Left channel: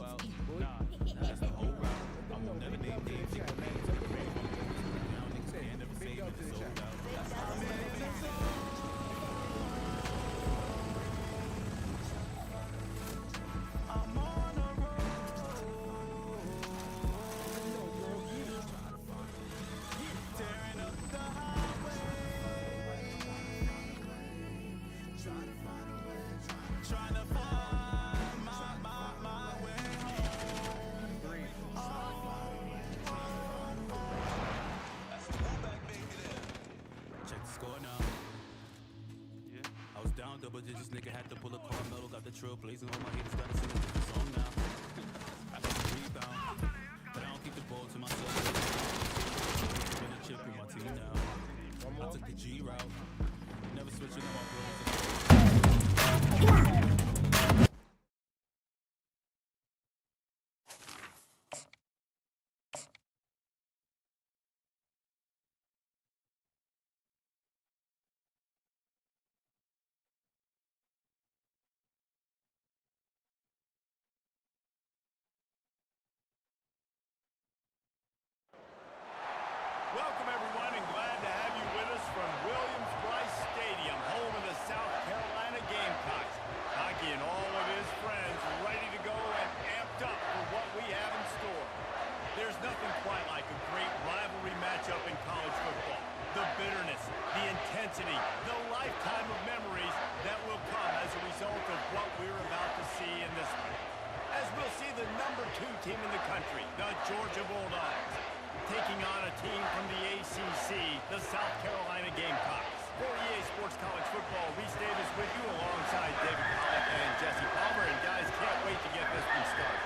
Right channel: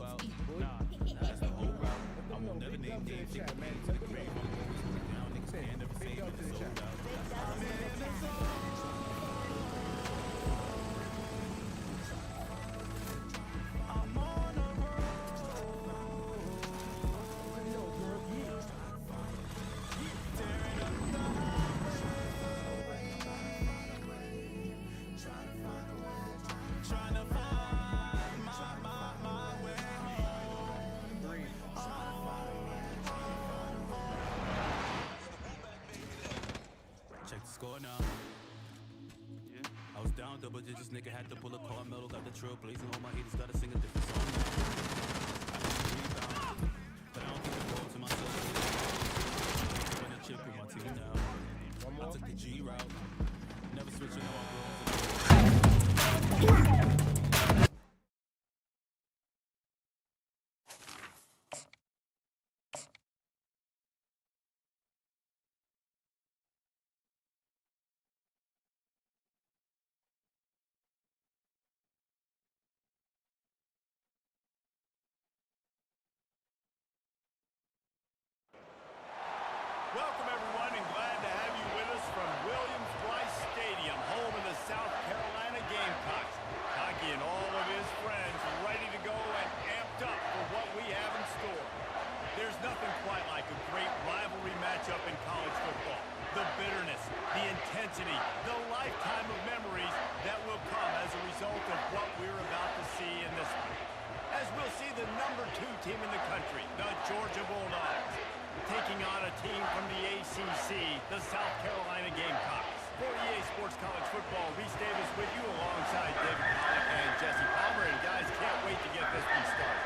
go out. Nah, that's the whole route. I won't never name names. They can make the grave. I'm always working out. Niggas can't never save it. It's sold out. I'm in the zone. I'm on a roll. Tearing up the highway. Trying to find my way home. Check the score now. Yeah. I was down double digits, nigga had to pull a Carmelo, got the trail blazing. All my haters gotta sing a different song now. I got the rebound, but I don't keep the ball to myself. Win a chip in my team now. I took the G route, never switching on my bros. Welcome, everyone, and glad to have you with us from Williams-Brice Stadium, home of the South Carolina Gamecocks. Hockey and all of his friends ready to go and amped up for what we have in store. There's nothing quite like a great rivalry matchup in college football. The bitterness, the intensity, the lifetime of memories that will come as a result of what we're about to see in this one. As we'll see the number 2 team in the country, the Georgia Bulldogs, taking on a team from the ACC, the South Carolina Gamecocks. For EA Sports College Football, Reese Davis with you alongside David Pollack and Jesse Palmer. And guys, can't wait to get this one started.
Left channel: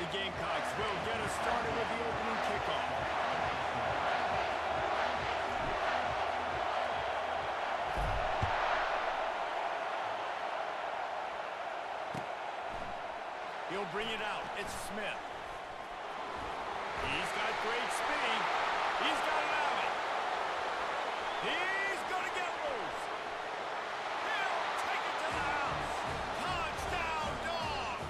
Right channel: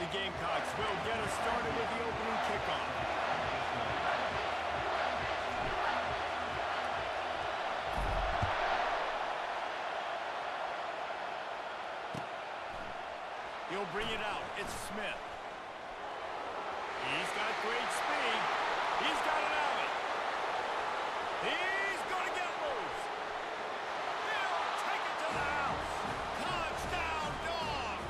The Gamecocks will get us started with the opening kickoff. He'll bring it out. It's Smith. He's got great speed. He's got an alley. He's going to get loose. He'll take it to the house. Touchdown, Dogs.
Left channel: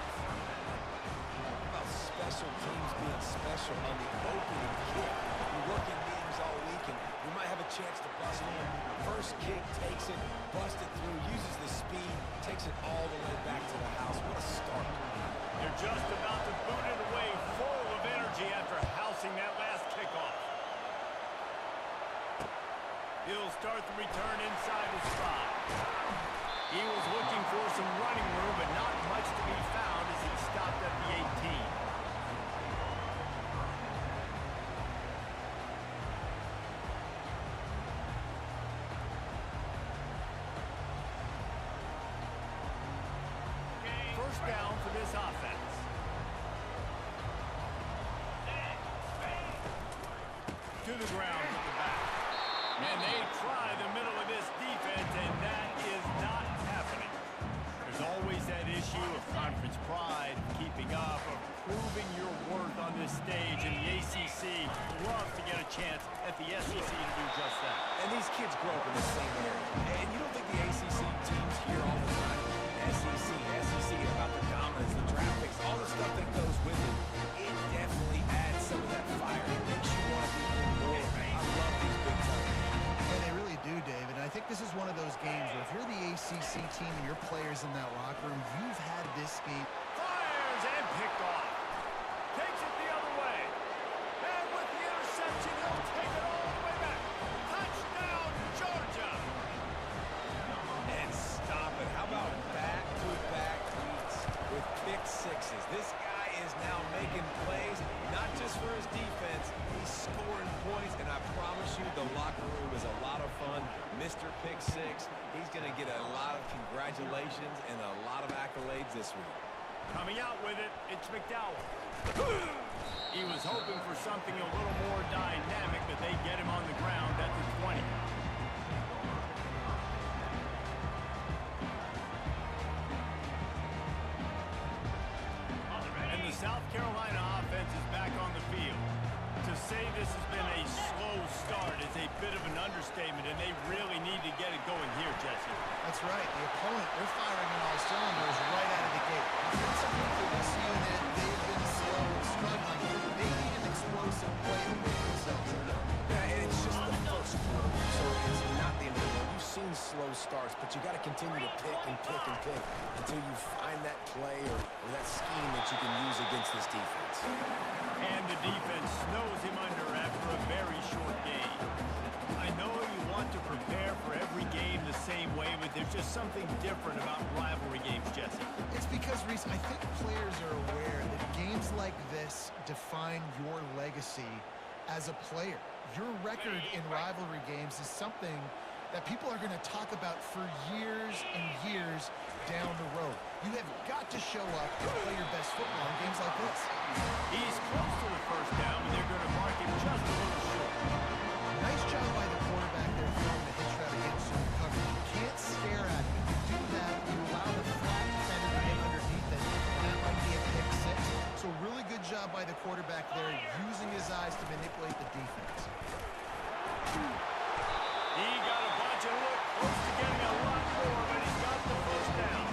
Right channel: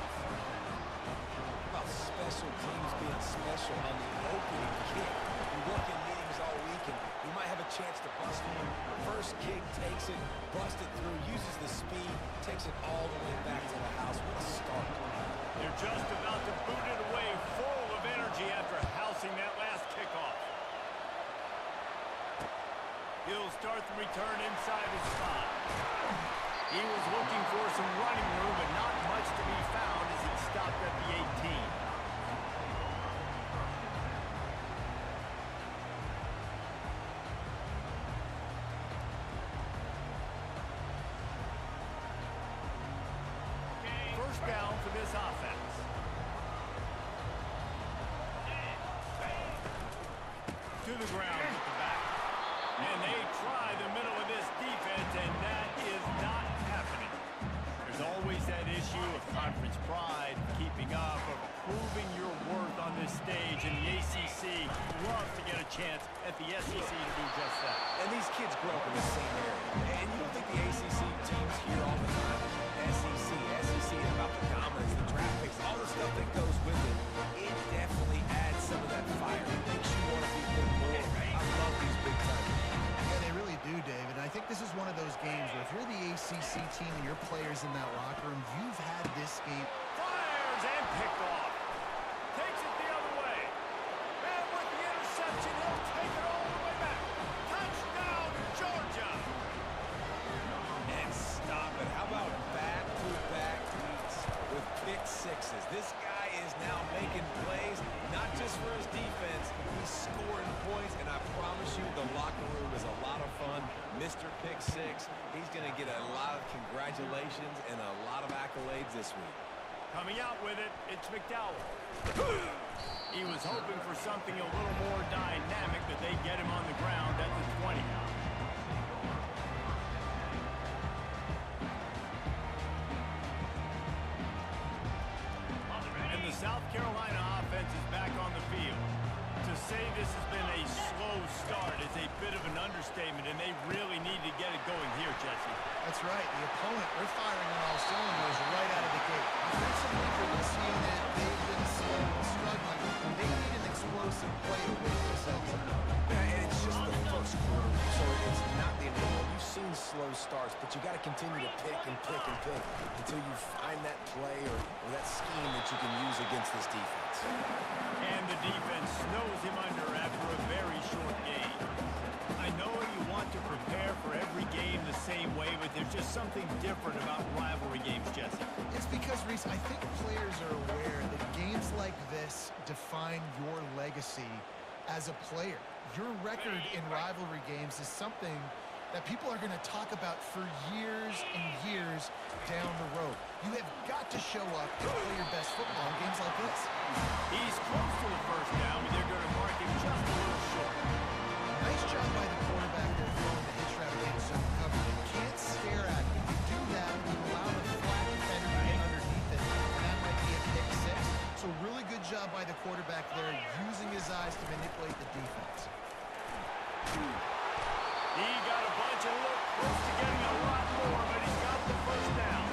Special teams being special on the opening kick. We work in meetings all week, and we might have a chance to bust one. First kick, takes it, busts it through, uses the speed, takes it all the way back to the house. What a start. They're just about to boot it away, full of energy after housing that last kickoff. He'll start the return inside his 5. He was looking for some running room, but not much to be found as he stopped at the 18. First down for this offense. To the ground with the back. And they try the middle of this defense, and that is not happening. There's always that issue of conference pride, keeping up, of proving your worth on this stage, and the ACC loves to get a chance at the SEC to do just that. And these kids grow up in the same area. And you don't think the ACC teams hear all the time, SEC, about the dominance, the draft picks, all the stuff that goes with it. It definitely adds some of that fire. It makes you want to be there more. I love these big times. Yeah, they really do, David. And I think this is one of those games where if you're the ACC team and your players in that locker room, you've had this game. Fires and picked off. Takes it the other way. And with the interception, he'll take it all the way back. Touchdown, Georgia. And stop it. How about back-to-back weeks with pick sixes? This guy is now making plays, not just for his defense. He's scoring points, and I promise you the locker room is a lot of fun. Mr. Pick Six, he's going to get a lot of congratulations and a lot of accolades this week. Coming out with it, it's McDowell. He was hoping for something a little more dynamic, but they get him on the ground at the 20. Carolina offense is back on the field. To say this has been a slow start is a bit of an understatement, and they really need to get it going here, Jesse. That's right. The opponent, they're firing on all cylinders right out of the gate. Offensively for this unit, they've been slow and struggling. They need an explosive play to wake themselves up. Yeah, and it's just the first quarter, so it's not the end of the world. You've seen slow starts, but you got to continue to pick and pick and pick until you find that play or that scheme that you can use against this defense. And the defense snows him under after a very short game. I know you want to prepare for every game the same way, but there's just something different about rivalry games, Jesse. It's because, Reese, I think players are aware that games like this define your legacy as a player. Your record in rivalry games is something that people are going to talk about for years and years down the road. You have got to show up and play your best football in games like this. He's close to the first down, but they're going to mark him just a little short. Nice job by the quarterback there throwing the hitch route against zone coverage. You can't stare at it. If you do that, you allow the flat defender to get underneath it, and that might be a pick six. So really good job by the quarterback there, using his eyes to manipulate the defense. He got a bunch and looked close to getting a lot more, but he's got the first down.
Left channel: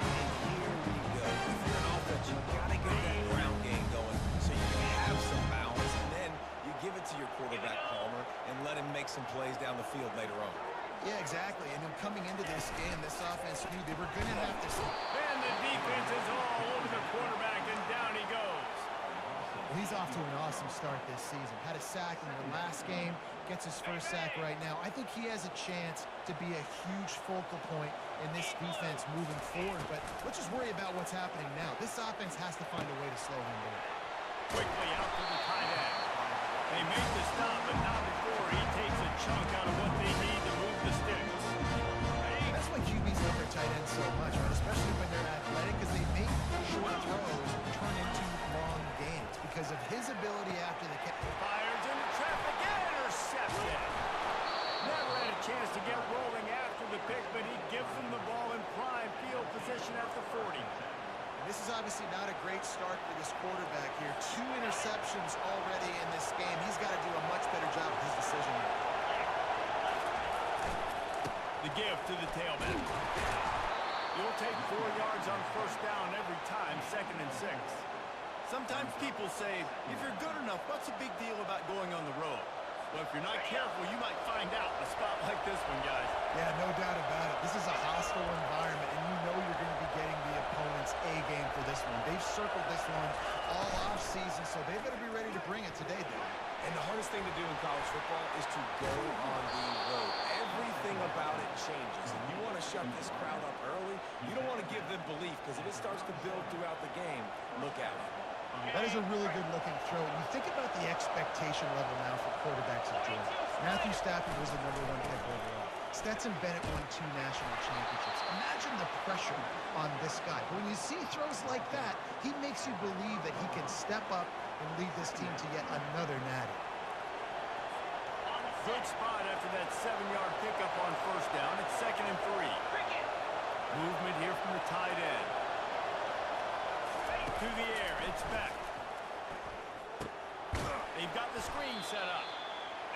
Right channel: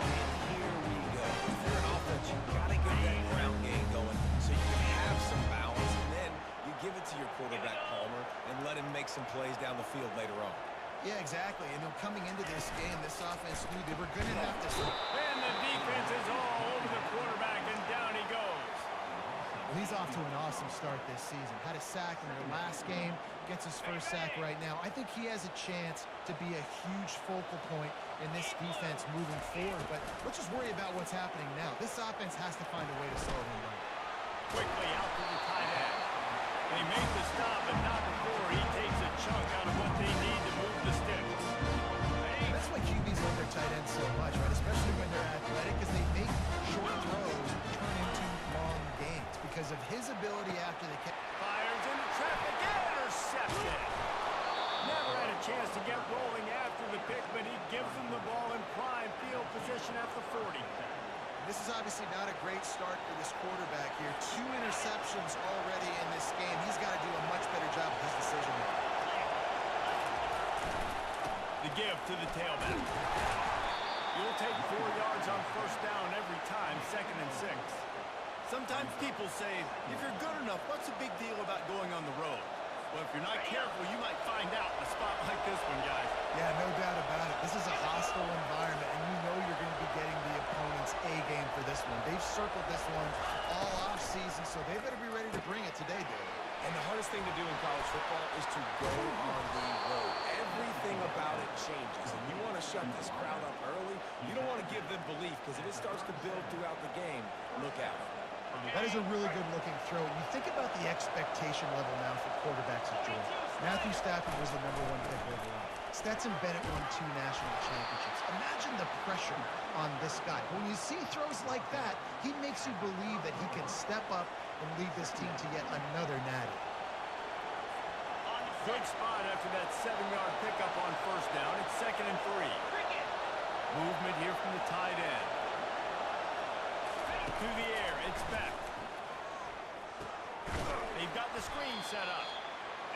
And here we go. If you're an offense, you got to get that ground game going so you can have some balance, and then you give it to your quarterback, Palmer, and let him make some plays down the field later on. Yeah, exactly. And coming into this game, this offense knew they were going to have to... And the defense is all over the quarterback, and down he goes. Well, he's off to an awesome start this season. Had a sack in their last game, gets his first sack right now. I think he has a chance to be a huge focal point in this defense moving forward. But let's just worry about what's happening now. This offense has to find a way to slow him down. Quickly out to the tight end. They make the stop, but not before he takes a chunk out of what they need to move the sticks. And that's why QBs love their tight ends so much, right? Especially when they're athletic, because they make short throws turn into long gains because of his ability after the catch. Fires into traffic and intercepted. Never had a chance to get rolling after the pick, but he gives them the ball in prime field position at the 40. This is obviously not a great start for this quarterback here. 2 interceptions already in this game. He's got to do a much better job with his decision making. The give to the tailback. You'll take 4 yards on first down every time, 2nd and 6. Sometimes people say, if you're good enough, what's the big deal about going on the road? Well, if you're not careful, you might find out in a spot like this one, guys. Yeah, no doubt about it. This is a hostile environment, and you know you're going to be getting the opponent's A-game for this one. They've circled this one all off-season, so they better be ready to bring it today, Dave. And the hardest thing to do in college football is to go on the road. Everything about it changes, and you want to shut this crowd up early. You don't want to give them belief, because if it starts to build throughout the game, look out. That is a really good-looking throw. And you think about the expectation level now for quarterbacks at Georgia. Matthew Stafford was the #1 pick overall. Stetson Bennett won 2 national championships. Imagine the pressure on this guy. When you see throws like that, he makes you believe that he can step up and lead this team to yet another natty. Good spot after that 7-yard pickup on first down. It's 2nd and 3. Movement here from the tight end. To the air, it's back. They've got the screen set up.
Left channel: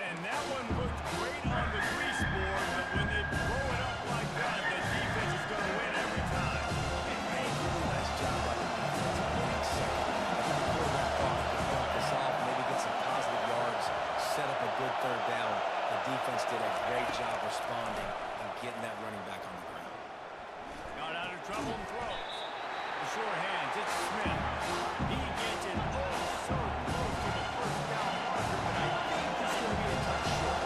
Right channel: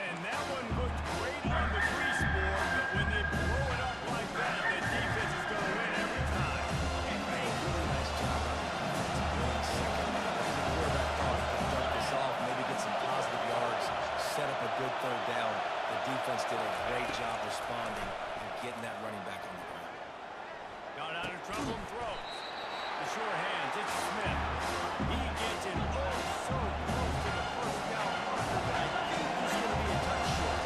And that one looked great on the grease board, but when they blow it up like that, the defense is going to win every time. Hey, really nice job by the defense winning second. I think the quarterback thought he could dump this off, maybe get some positive yards, set up a good 3rd down. The defense did a great job responding and getting that running back on the ground. Got out of trouble and throws. The sure hands, it's Smith. He gets it so close to the first down marker, but I think he's going to be a touch short.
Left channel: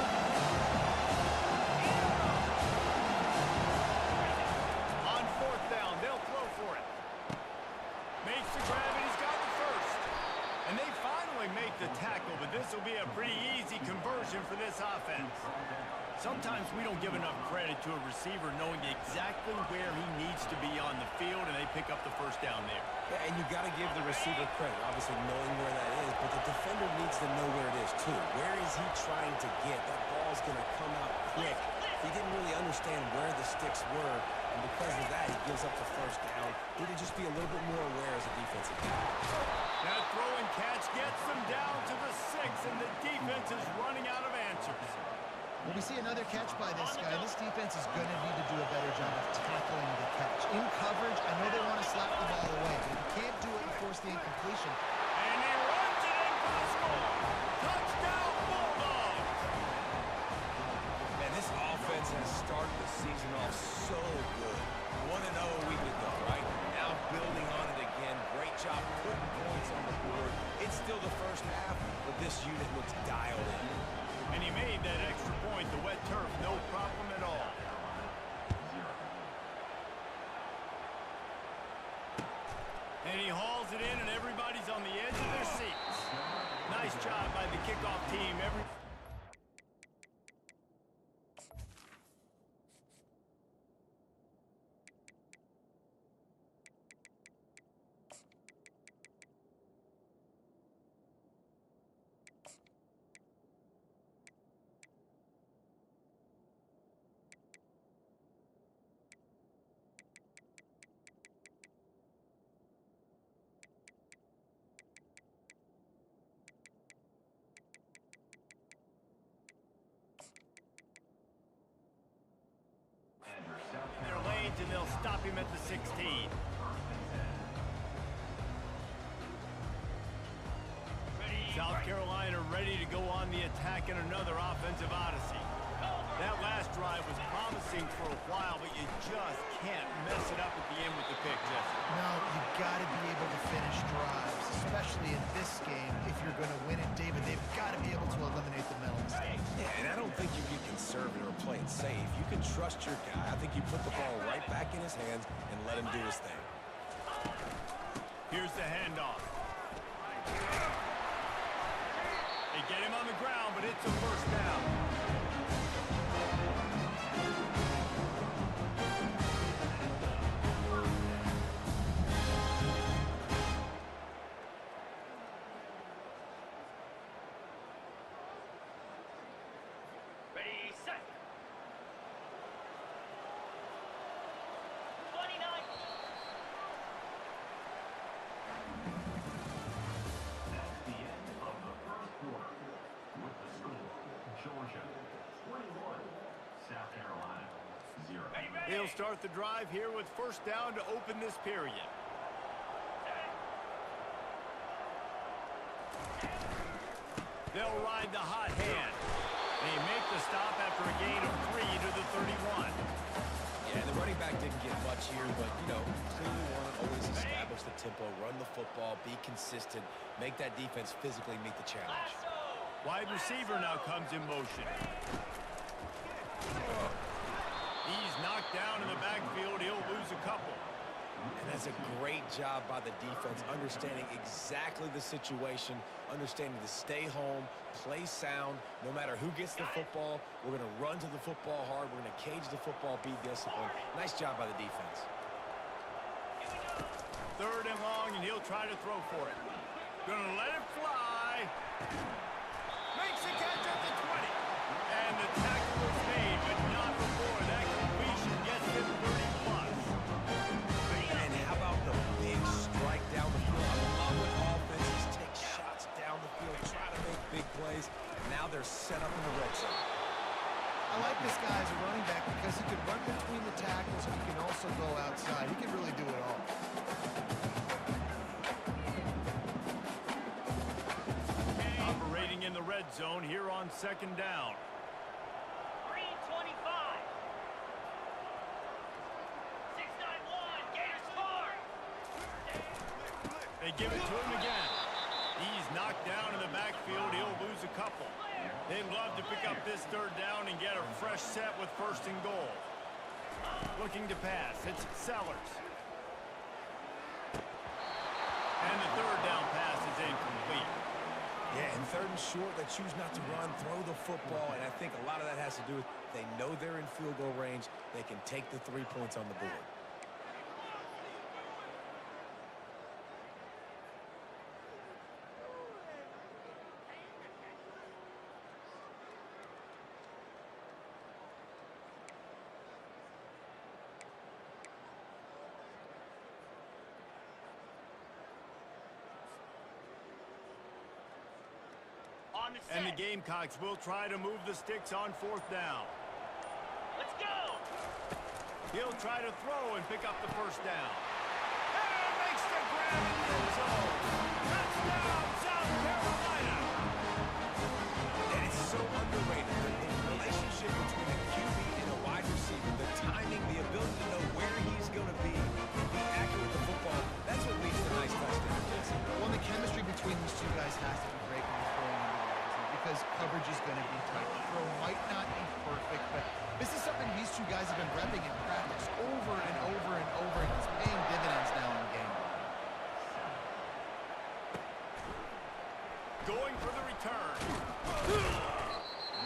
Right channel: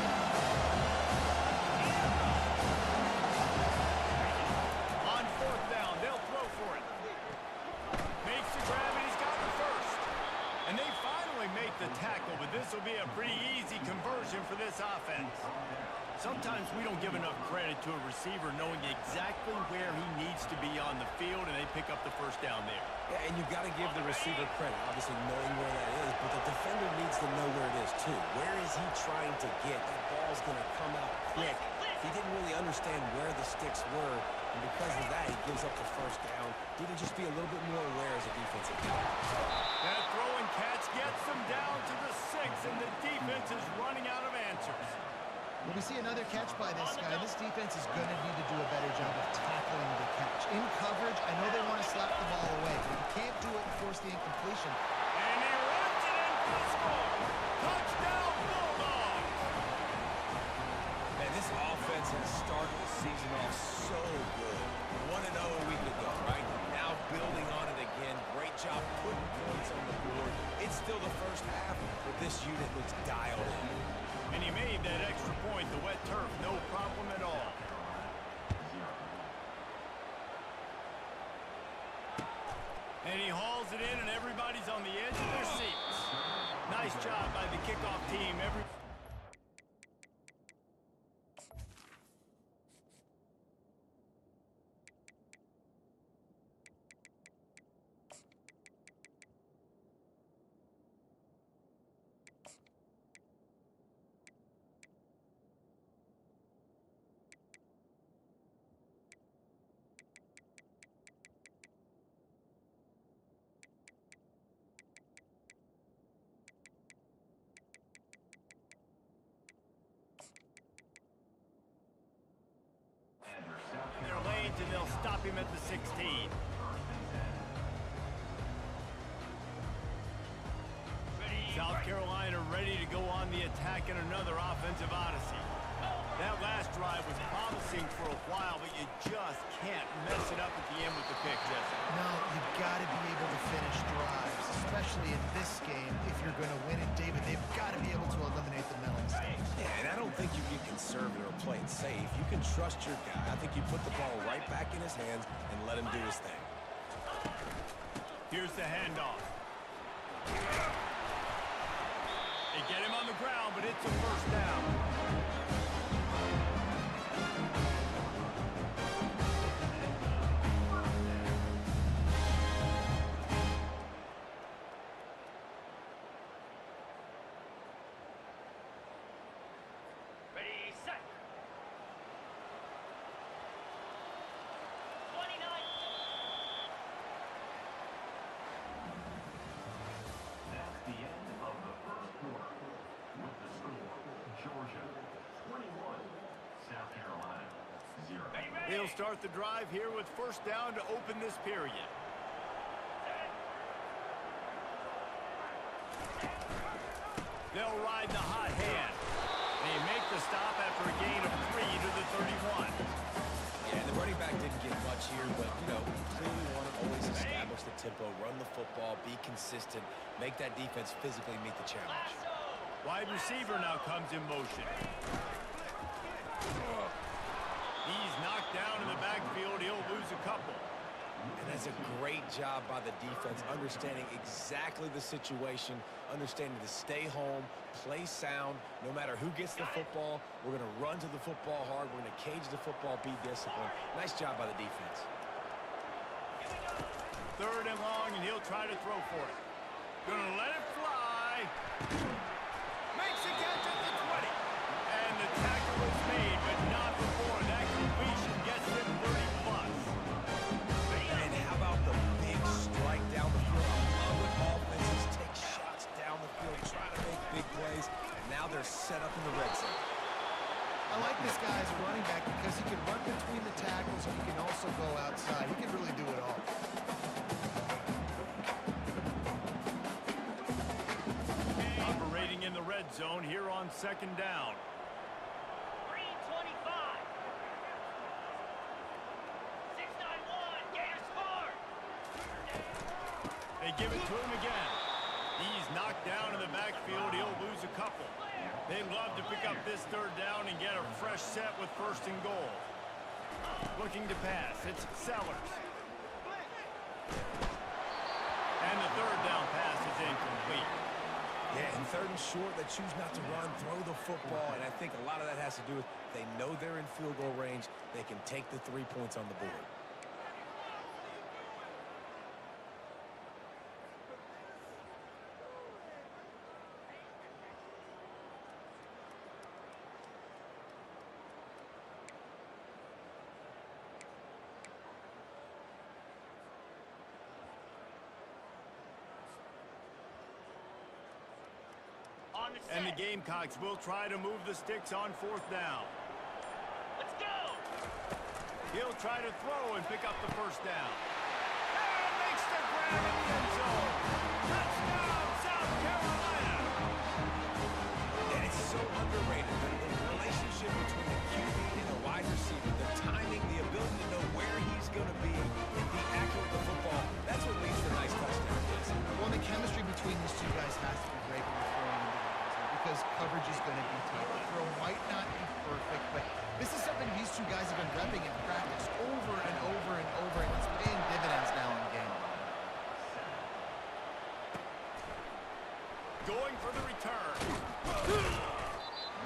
On 4th down, they'll throw for it. Makes the grab, and he's got the first. And they finally make the tackle, but this will be a pretty easy conversion for this offense. Sometimes we don't give enough credit to a receiver knowing exactly where he needs to be on the field, and they pick up the first down there. Yeah, and you got to give the receiver credit, obviously knowing where that is, but the defender needs to know where it is too. Where is he trying to get? That ball's going to come out quick. He didn't really understand where the sticks were, and because of that, he gives up the first down. Need to just be a little bit more aware as a defensive guy. That throw and catch gets them down to the 6, and the defense is running out of answers. Well, we see another catch by this guy. This defense is going to need to do a better job of tackling the catch. In coverage, I know they want to slap the ball away, but if you can't do it and force the incompletion. And he runs it in for the score. Touchdown, Bulldogs! Man, this offense has started the season off so good. 1-0 a week ago, right? Now building on it again. Great job putting points on the board. It's still the first half, but this unit looks dialed in. And he made that extra point, the wet turf, no problem at all. And he hauls it in, and everybody's on the edge of their seats. Nice job by the kickoff team. Their lanes, and they'll stop him at the 16. South Carolina ready to go on the attack in another offensive odyssey. That last drive was promising for a while, but you just can't mess it up at the end with the pick, Jesse. No, you got to be able to finish drives, especially in this game. If you're going to win it, David, they've got to be able to eliminate the mental mistakes. Yeah, and I don't think you get conservative or play it safe. You can trust your guy. I think you put the ball right back in his hands and let him do his thing. Here's the handoff. They get him on the ground, but it's a first down. Ready, set. 29. That's the end of the first quarter. With the score, Georgia 21, South Carolina 0. They'll start the drive here with first down to open this period. They'll ride the hot hand. They make the stop after a gain of 3 to the 31. Yeah, the running back didn't get much here, but, you know, clearly want to always establish the tempo, run the football, be consistent, make that defense physically meet the challenge. Wide receiver now comes in motion. He's knocked down in the backfield. He'll lose a couple. And that's a great job by the defense, understanding exactly the situation, understanding to stay home, play sound. No matter who gets the football, we're going to run to the football hard. We're going to cage the football, be disciplined. Nice job by the defense. Third and long, and he'll try to throw for it. Gonna let it fly. Makes the catch at the 20. And the tackle is made, but not before. That completion gets him 30+. And how about the big strike down the field? I love when offenses take shots down the field, try to make big plays. Now they're set up in the red zone. I like this guy as a running back because he can run between the tackles and he can also go outside. He can really do it all. Operating in the red zone here on second down. Green 25. 691. Gators score. They give it to him again. He's knocked down in the backfield. He'll lose a couple. They'd love to pick up this third down and get a fresh set with first and goal. Looking to pass. It's Sellers. And the third down pass is incomplete. Yeah, and third and short, they choose not to run, throw the football, and I think a lot of that has to do with they know they're in field goal range. They can take the 3 points on the board. On the set. And the Gamecocks will try to move the sticks on 4th down. Let's go. He'll try to throw and pick up the 1st down. And makes the grab in the end zone. Touchdown, South Carolina. And it's so underrated. The relationship between a QB and a wide receiver, the timing, the ability to know where he's going to be and be accurate with the football, that's what leads to nice touchdowns, Jesse. Well, and the chemistry between these two guys has to be great when you're throwing into the end zone because coverage is going to be tight. The throw might not be perfect, but this is something these two guys have been repping in practice over and over and over, and it's paying dividends now in game. Going for the return.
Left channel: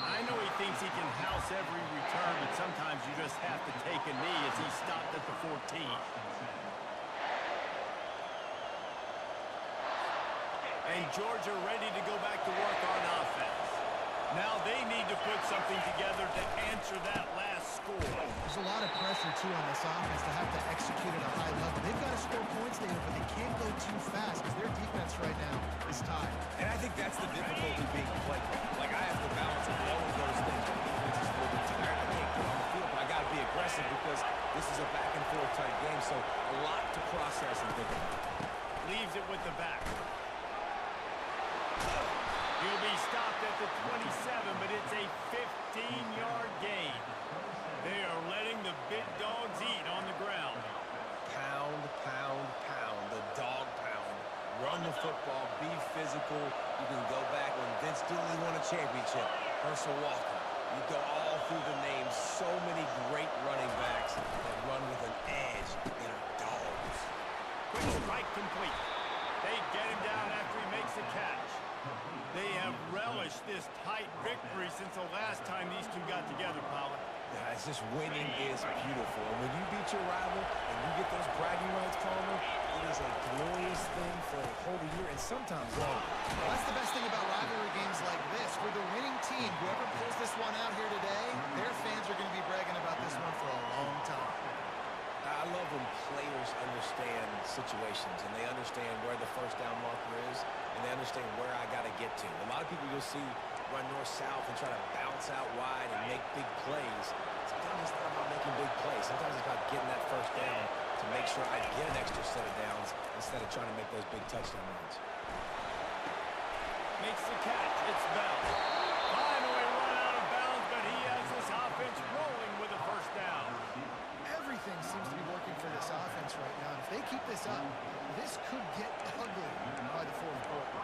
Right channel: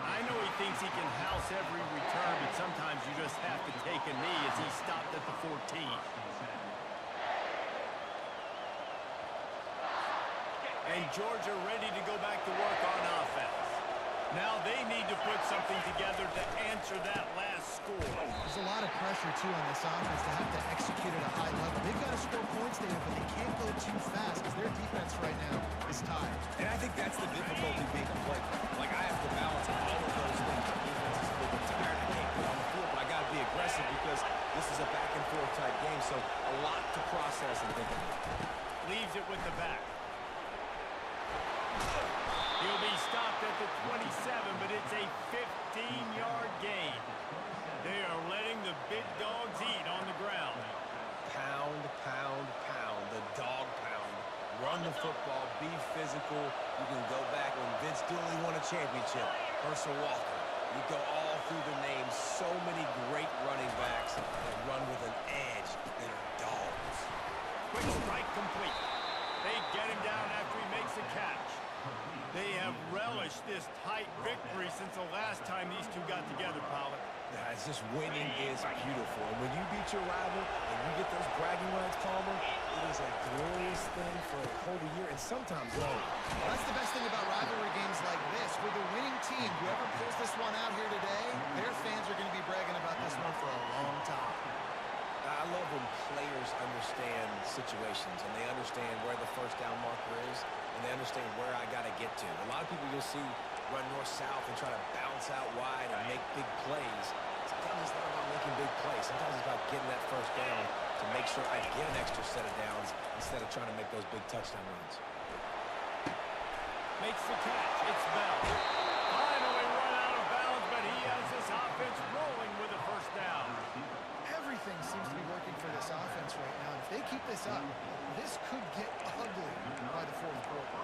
I know he thinks he can house every return, but sometimes you just have to take a knee as he stopped at the 14. And Georgia ready to go back to work on offense. Now they need to put something together to answer that last score. There's a lot of pressure, too, on this offense to have to execute at a high level. They've got to score points, David, but they can't go too fast because their defense right now is tied. And I think that's the difficulty being a play caller. Like, I have to balance all of those things. My defense is a little bit tired. I can't get on the field, but I got to be aggressive because this is a back-and-forth type game, so a lot to process and think about. Leaves it with the back. He'll be stopped at the 27, but it's a 15-yard gain. They are letting the big dogs eat on the ground. Pound, pound, pound, the dog pound. Run the football, be physical. You can go back when Vince Dooley won a championship. Herschel Walker. You go all through the names. So many great running backs that run with an edge that are dogs. Quick strike complete. They get him down after he makes the catch. They have relished this tight victory since the last time these two got together, Pollard. Yeah, it's just winning is beautiful. And when you beat your rival and you get those bragging rights, Palmer, it is a glorious thing for a whole year and sometimes longer. Well, that's the best thing about rivalry games like this. For the winning team, whoever pulls this one out here today, their fans are going to be bragging about this one for a long time. I love when players understand situations and they understand where the 1st down marker is and they understand where I got to get to. A lot of people you'll see run north-south and try to bounce out wide and make big plays. Sometimes it's not about making big plays. Sometimes it's about getting that 1st down to make sure I get an extra set of downs instead of trying to make those big touchdown runs. Makes the catch. It's Bell. Finally run out of bounds, but he has this offense rolling with a 1st down. Everything seems to be working for this offense right now, and if they keep this up, this could get ugly by the 4th quarter.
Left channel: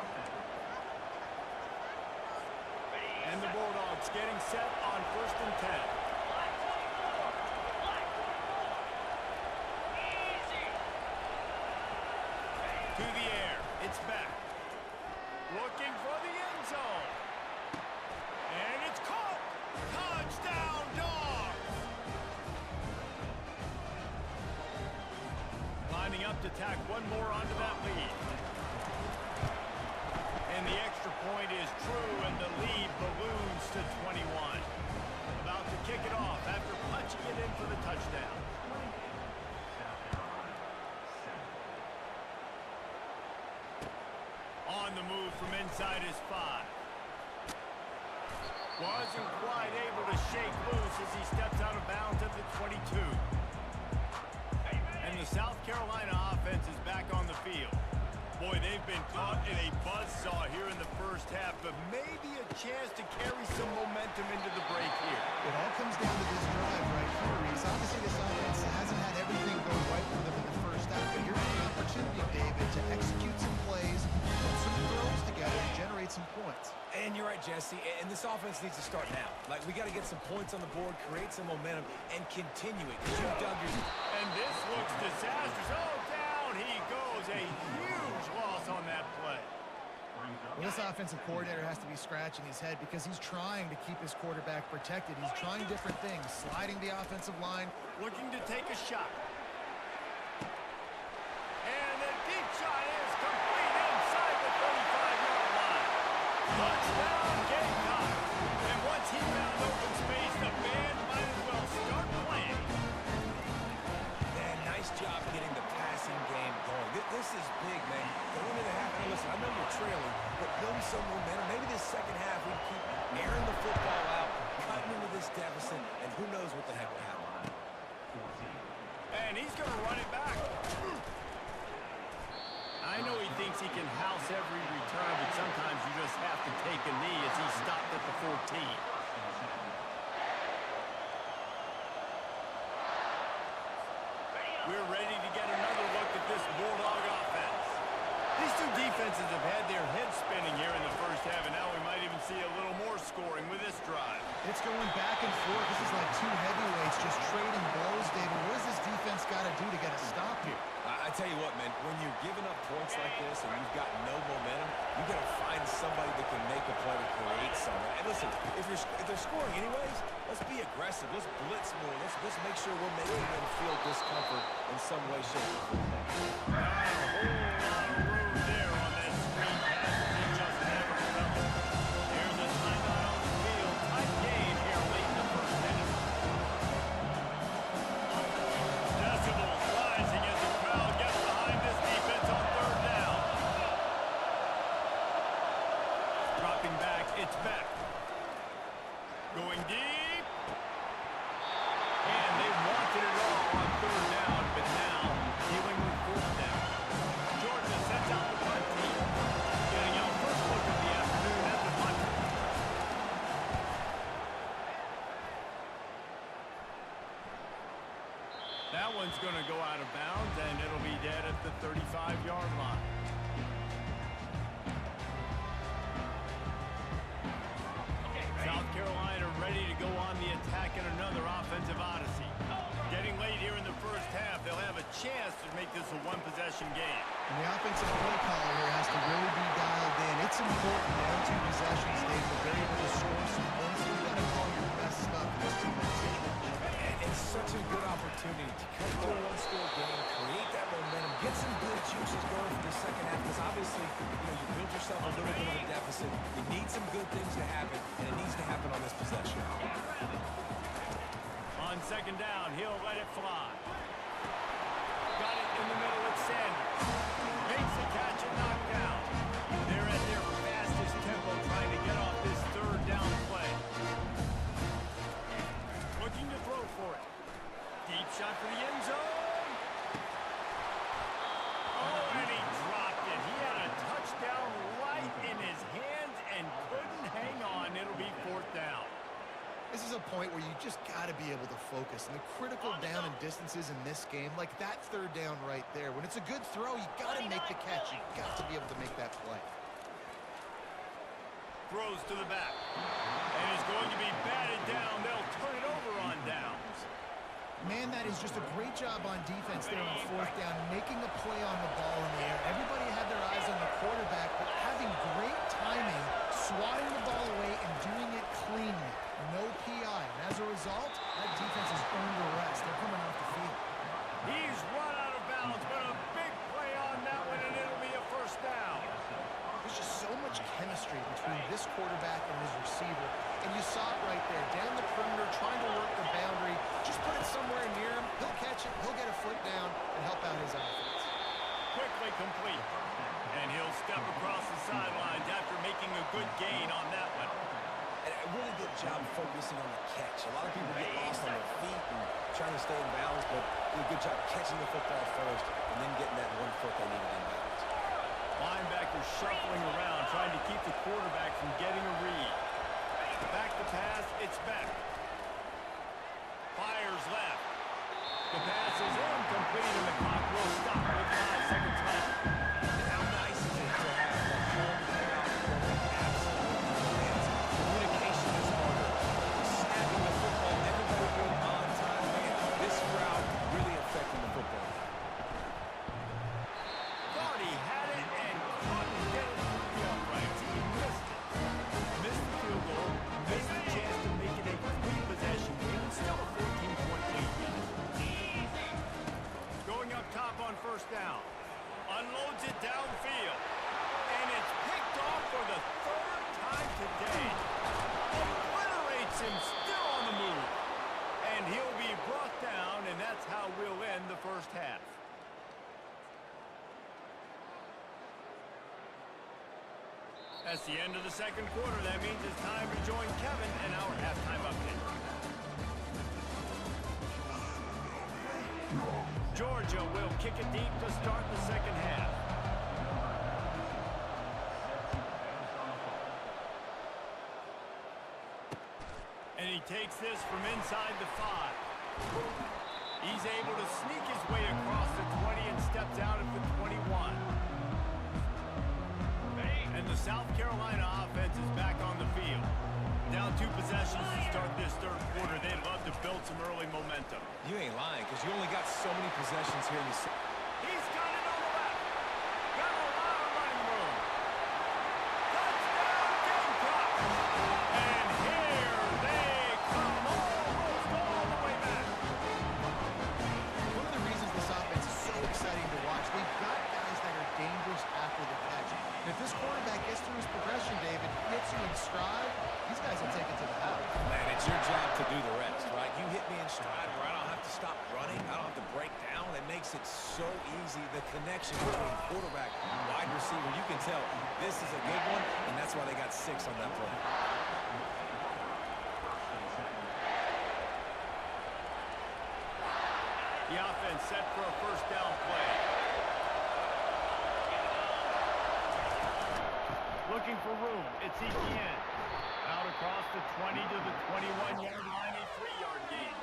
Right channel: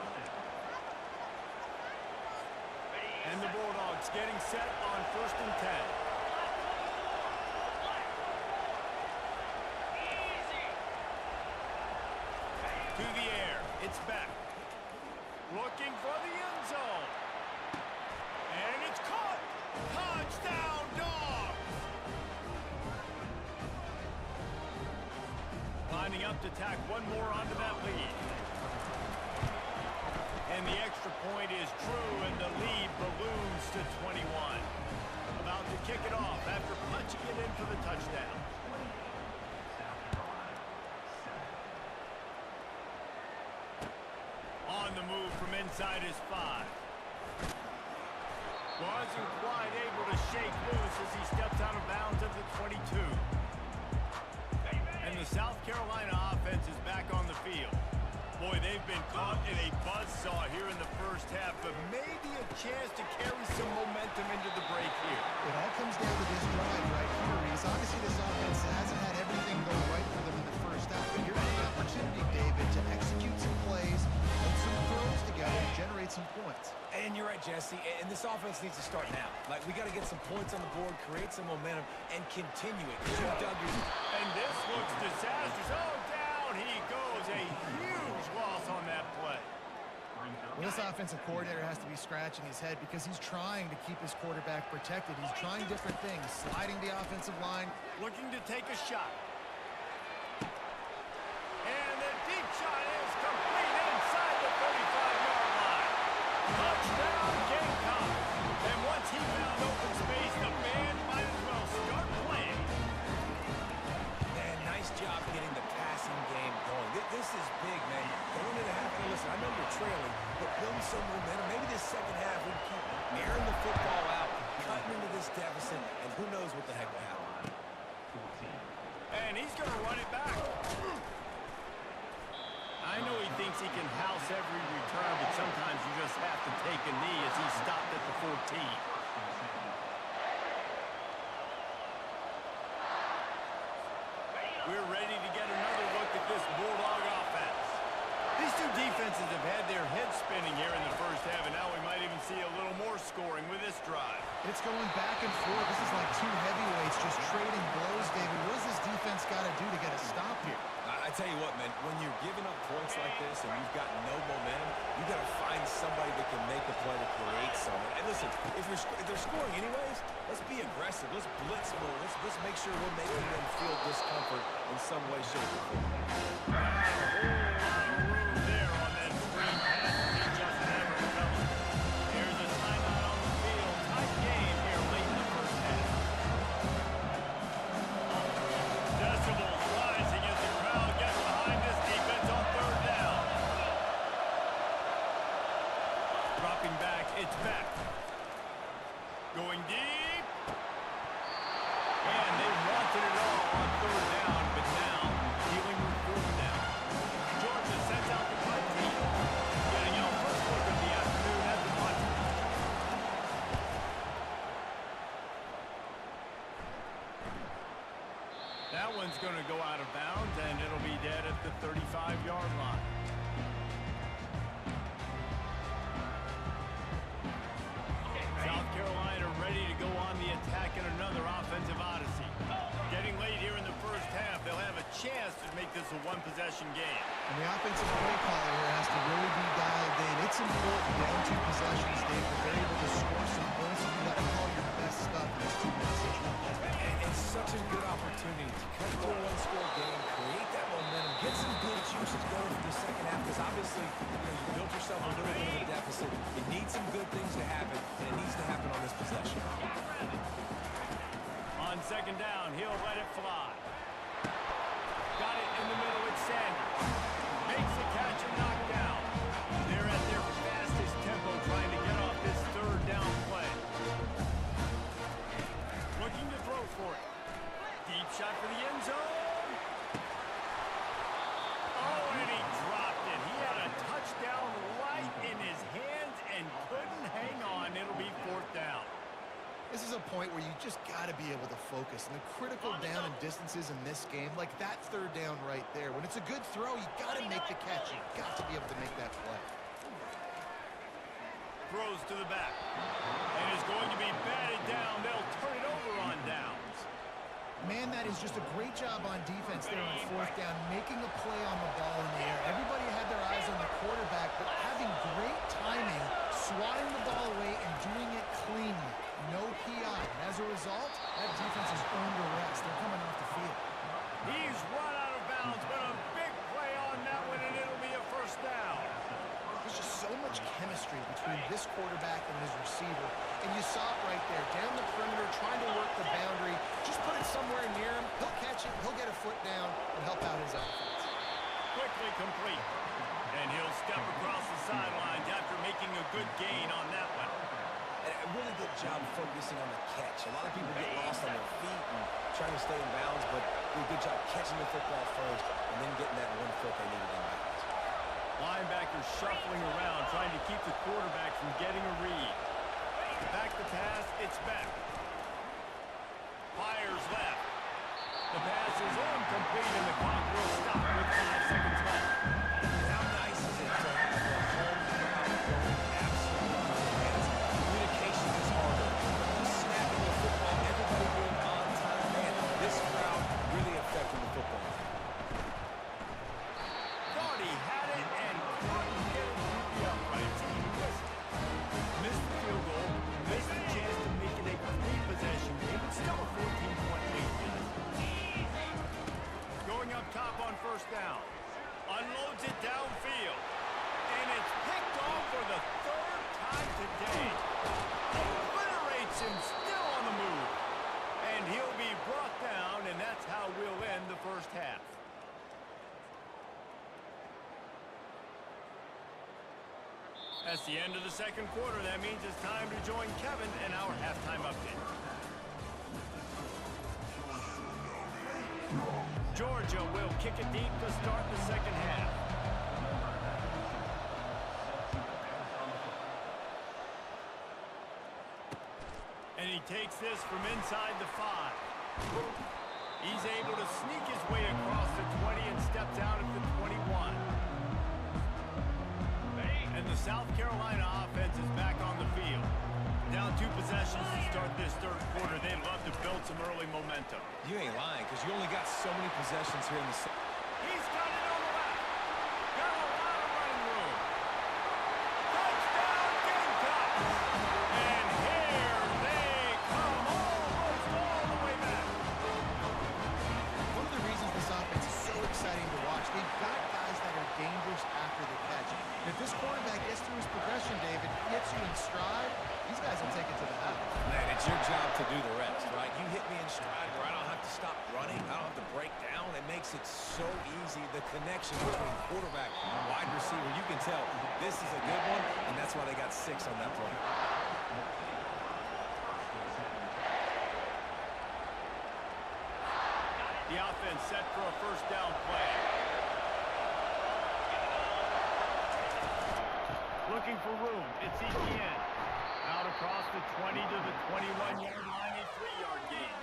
And the Bulldogs getting set on 1st and 10. Black 24. Black 24. Easy. To the air. It's back. Looking for the end zone. And it's caught. Touchdown, Dogs. Lining up to tack one more onto that lead. And the extra point is true, and the lead balloons to 21. About to kick it off after punching it in for the touchdown. South Carolina, 7. On the move from inside his 5. Wasn't quite able to shake loose as he steps out of bounds at the 22. And the South Carolina offense is back on the field. Boy, they've been caught in a buzzsaw here in the 1st half, but maybe a chance to carry some momentum into the break here. It all comes down to this drive right here, Reese. Obviously, this offense hasn't had everything go right for them in the 1st half, but here's the opportunity, David, to execute some plays, put some throws together, and generate some points. And you're right, Jesse, and this offense needs to start now. Like, we got to get some points on the board, create some momentum, and continue it. You dug your... And this looks disastrous. Oh, down he goes. A huge loss on that play. Well, this offensive coordinator has to be scratching his head because he's trying to keep his quarterback protected. He's trying different things, sliding the offensive line. Looking to take a shot. And the deep shot is complete inside the 35-yard line. Touchdown, Gamecocks. And once he found open space, the band might as well start playing. Man, nice job getting the passing game going. This is big, man. Going into the half, Now listen, I know you're trailing, but build some momentum. Maybe this second half we can keep airing the football out, cutting into this deficit, and who knows what the heck will happen. And he's going to run it back. I know he thinks he can house every return, but sometimes you just have to take a knee as he stopped at the 14. We're ready to get another look at this Bulldog offense. These two defenses have had their heads spinning here in the first half, and now we might even see a little more scoring with this drive. It's going back and forth. This is like two heavyweights just trading blows, David. What does this defense got to do to get a stop here? I tell you what, man, when you're giving up points like this and you've got no momentum, you got to find somebody that can make a play to create something. And listen, if they're scoring anyways, let's be aggressive. Let's blitz more. Let's make sure we're making them feel discomfort in some way, shape, or form. Not a whole lot of room there on that screen pass to Justin Everett. Here's a timeout on the field. Tight game here late in the first half. Decibels rising as the crowd gets behind this defense on third down. Dropping back, it's back. Going deep. And they wanted it all on third down, but now dealing with fourth down. Georgia sends out the punt team. Getting our first look of the afternoon at the punt. That one's going to go out of bounds, and it'll be dead at the 35-yard line. South Carolina ready to go on the attack in another offensive odyssey. Getting late here in the first half, they'll have a chance to make this a one-possession game. And the offensive play caller here has to really be dialed in. It's important down two possessions, Dave, that they're able to score some points. You got to call your best stuff in this two-minute situation. And it's such a good opportunity to cut to a one-score game, create that momentum, get some good juices going for the second half, because obviously, you built yourself a little bit of a deficit. You need some good things to happen, and it needs to happen on this possession. On second down, he'll let it fly. Got it in the middle with Sanders. Makes the catch and knocked down. They're at their fastest tempo trying to get off this third down play. Looking to throw for it. Deep shot for the end zone. Oh, and he dropped it. He had a touchdown right in his hands and couldn't hang on. It'll be fourth down. This is a point where you just got to be able to focus. And the critical down and distances in this game, like that third down right there, when it's a good throw, you got to make the catch. You got to be able to make that play. Throws to the back. And is going to be batted down. They'll turn it over on downs. Man, that is just a great job on defense there on fourth down, making a play on the ball in the air. Everybody had their eyes on the quarterback, but having great timing, swatting the ball away, and doing it cleanly. No PI. And as a result, that defense has earned a rest. They're coming off the field. He's run out of bounds, but a big play on that one, and it'll be a first down. There's just so much chemistry between this quarterback and his receiver. And you saw it right there, down the perimeter, trying to work the boundary. Just put it somewhere near him. He'll catch it. He'll get a foot down and help out his offense. Quickly complete. And he'll step across the sidelines after making a good gain on that one. And a really good job focusing on the catch. A lot of people get lost on their feet and trying to stay in bounds, but did a good job catching the football first and then getting that 1 foot they needed in bounds. Linebacker shuffling around, trying to keep the quarterback from getting a read. Back to pass, it's back. Fires left. The pass is incomplete, and the clock will stop with 5 seconds left. And how nice is it to have the home crowd going absolutely bananas? Communication is harder. Snapping the football, everybody being on time. Man, this crowd really affecting the football game. Thought he had it and couldn't get it through the uprights. He missed it. Missed the field goal, missed the chance to make it a 3-possession game. It's still a 14-point lead, guys. Going up top on first down. Unloads it downfield. And it's picked off for the 3rd time today. Obliterates him, still on the move. And he'll be brought down, and that's how we'll end the first half. That's the end of the second quarter. That means it's time to join Kevin and our halftime update. Georgia will kick it deep to start the second half. And he takes this from inside the 5. He's able to sneak his way across the 20 and steps out at the 21. And the South Carolina offense is back on the field. Down 2 possessions to start this third quarter. They'd love to build some early momentum. You ain't lying, because you only got so many possessions here in the... He's got it on the left. Got a lot of running room. Touchdown, Gamecocks! And here they come, almost all the way back. One of the reasons this offense is so exciting to watch, they've got guys that are dangerous after the catch. And if this quarterback gets through his progression, David, hits you in stride, these guys will take it to the house. Man, it's your job to do the rest, right? You hit me in stride where I don't have to stop running. I don't have to break down. It makes it so easy. The connection between quarterback and wide receiver, you can tell this is a good one, and that's why they got 6 on that play. The offense set for a first down play. Looking for room. It's R2TN. Out across the 20 to the 21-yard line, a 3-yard gain.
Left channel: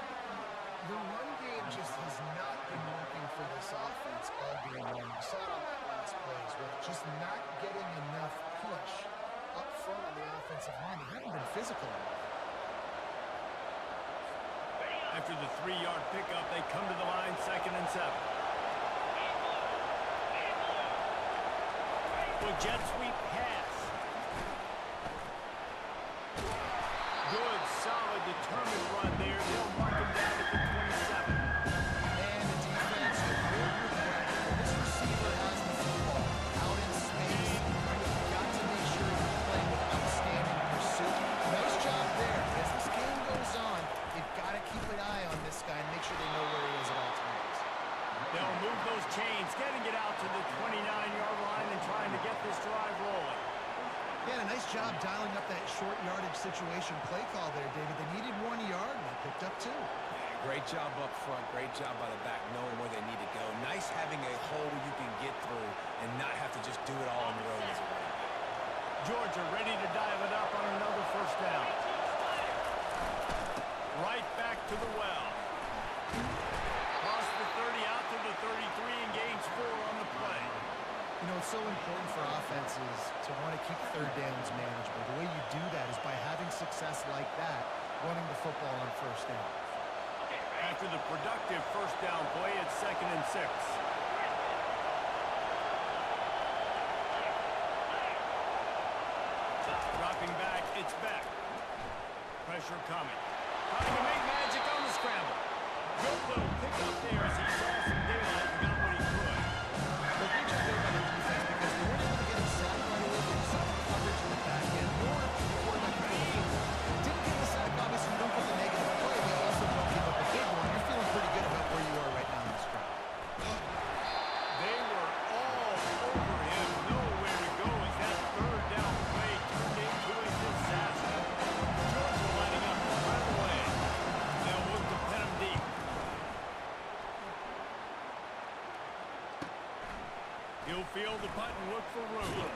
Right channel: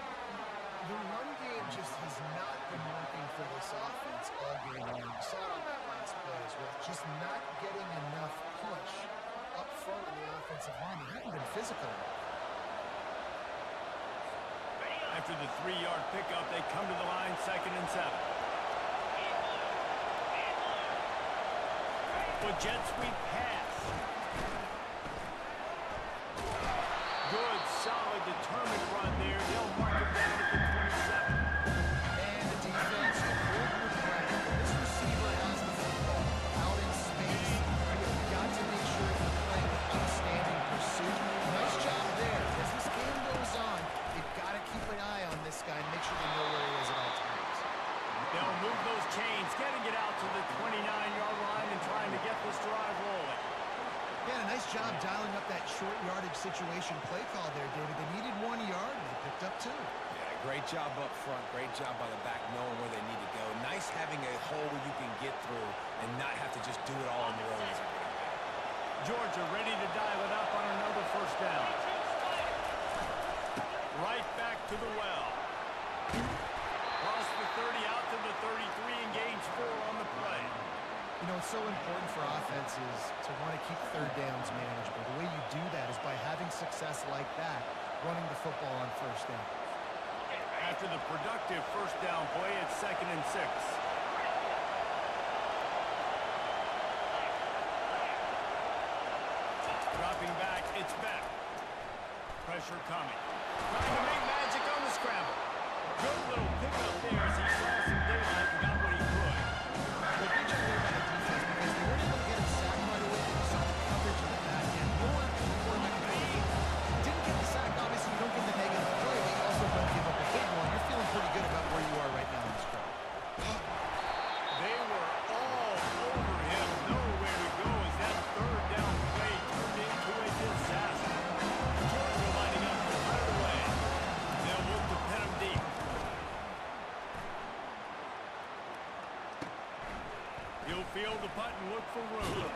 The run game just has not been working for this offense all game long. You saw it on that last play as well. Just not getting enough push up front on the offensive line. They haven't been physical enough. After the 3-yard pickup, they come to the line, 2nd and 7. With jet sweep pass. Good, solid, determined run there. They'll mark him down at the 27. And the defense, you hold your breath. When this receiver has the football out in space, you've got to make sure you're playing with outstanding pursuit. Nice job there. As this game goes on, they've got to keep an eye on this guy and make sure they know where he is at all times. They'll move those chains, getting it out to the 29-yard line and trying to get this drive rolling. Yeah, a nice job dialing up that short yardage situation play call there, David. They needed 1 yard, and they picked up 2. Yeah, great job up front. Great job by the back knowing where they need to go. Nice having a hole you can get through and not have to just do it all on your own as a running back. Georgia ready to dial it up on another first down. Right back to the well. Cross the 30 out to the 33 and gains 4 on the play. You know, it's so important for offenses to want to keep third downs manageable. The way you do that is by having success like that, running the football on first down. After the productive first down play, it's 2nd and 6. Dropping back, it's Beck. Pressure coming. Trying to make magic on the scramble. Good little pickup there as he saw some daylight and got what he could. But great job there by the defense because they weren't able to get him sacked right away, but you saw the coverage in the back end. Nor the quarterback control the football. Didn't get the sack, obviously you don't get the negative play, but you also don't give up a big one. You're feeling pretty good about where you are right now in this drive. They were all over him. Nowhere to go as that third down play turned into a disaster. Georgia lining up to run it away. They'll look to pin him deep. He'll field the punt and look for room.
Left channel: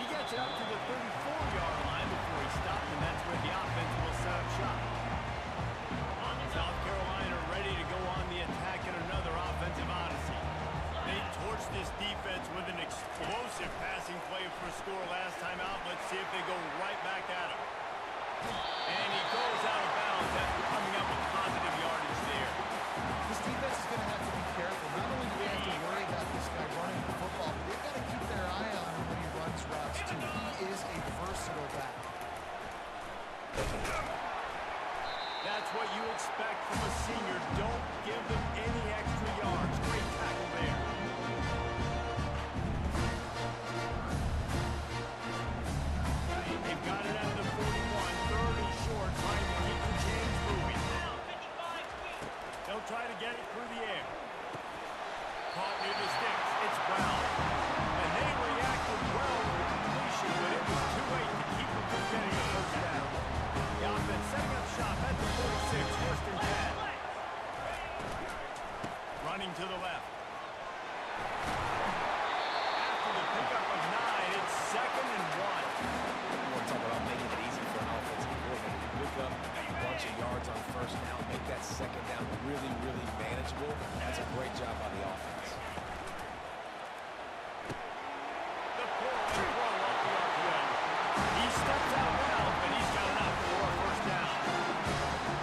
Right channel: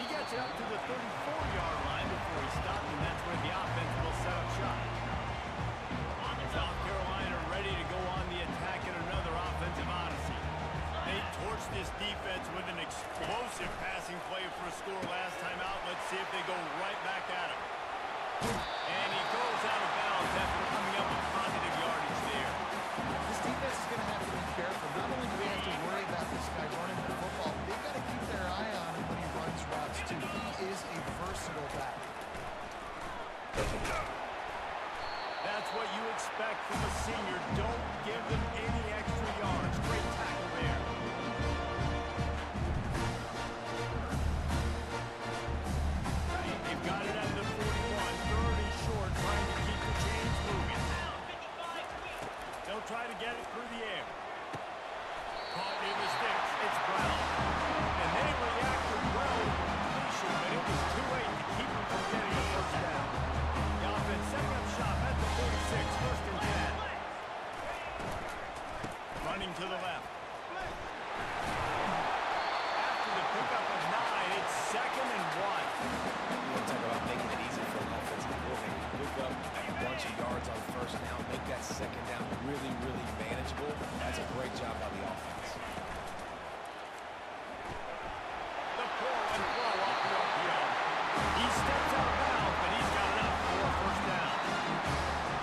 He gets it up to the 34-yard line before he stopped, and that's where the offense will set up shop. South Carolina ready to go on the attack in another offensive odyssey. They torched this defense with an explosive passing play for a score last time out. Let's see if they go right back at him. And he goes out of bounds after coming up with positive yardage there. This defense is going to have to be careful. Not only do they have to worry about this guy running the football, but they've got to keep their eye on him when he runs routes, too. He is a versatile back. That's what you expect from a senior. Don't give them any extra yards. Great tackle there. They've got it at the 41. 30 short, trying to keep the chains moving. They'll try to get it through the air. Caught near the sticks. It's Brown. And they reacted well to the completion, but it was yards on first down, make that second down really, really manageable. That's a great job by the offense. The pull and throw off the RPO. He steps out of bounds, but he's got enough for a first down.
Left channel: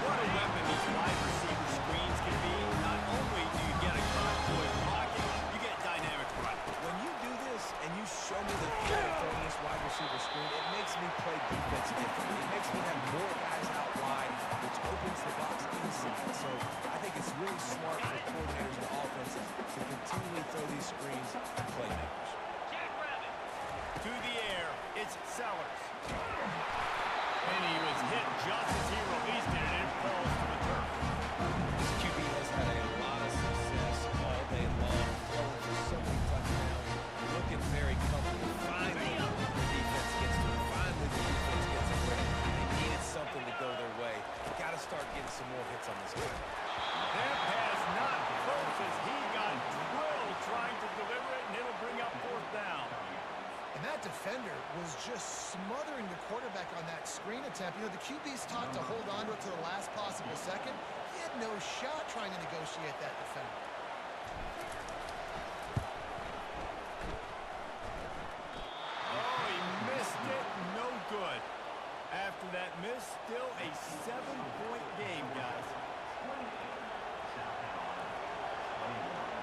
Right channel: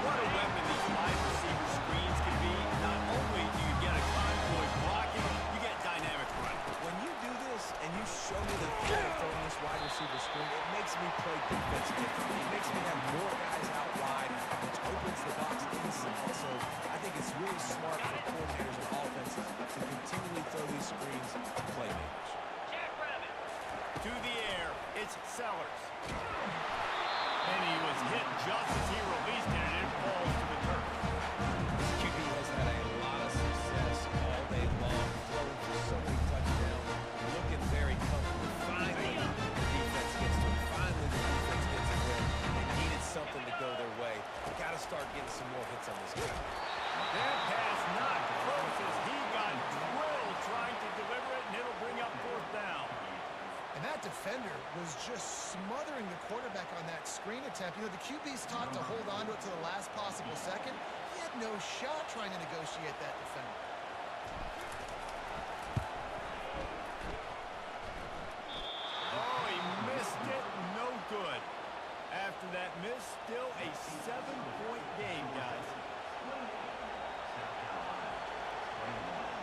What a weapon these wide receiver screens can be. Not only do you get a convoy blocking, you get dynamic running. When you do this and you show me the feel of throwing this wide receiver screen, it makes me play defense differently. It makes me have more guys out wide, which opens the box inside. So I think it's really smart for coordinators and offenses to continually throw these screens to playmakers. Jackrabbit. To the air, it's Sellers. And he was hit just as he released it, and it falls to the turf. This QB has had a lot of success all day long, throwing for so many touchdowns, looking very comfortable. Finally, the defense gets to him. Finally, the defense gets a win. They needed something to go their way. Got to start getting some more hits on this guy. That pass not close as he got drilled trying to deliver it, and it'll bring up fourth down. And that defender was just smothering the quarterback on that screen attempt. You know, the QB's taught to hold on to it to the last possible second. He had no shot trying to negotiate that defender. Oh, he missed it. No good. After that miss, still a 7-point game, guys. 28, South Carolina, 21.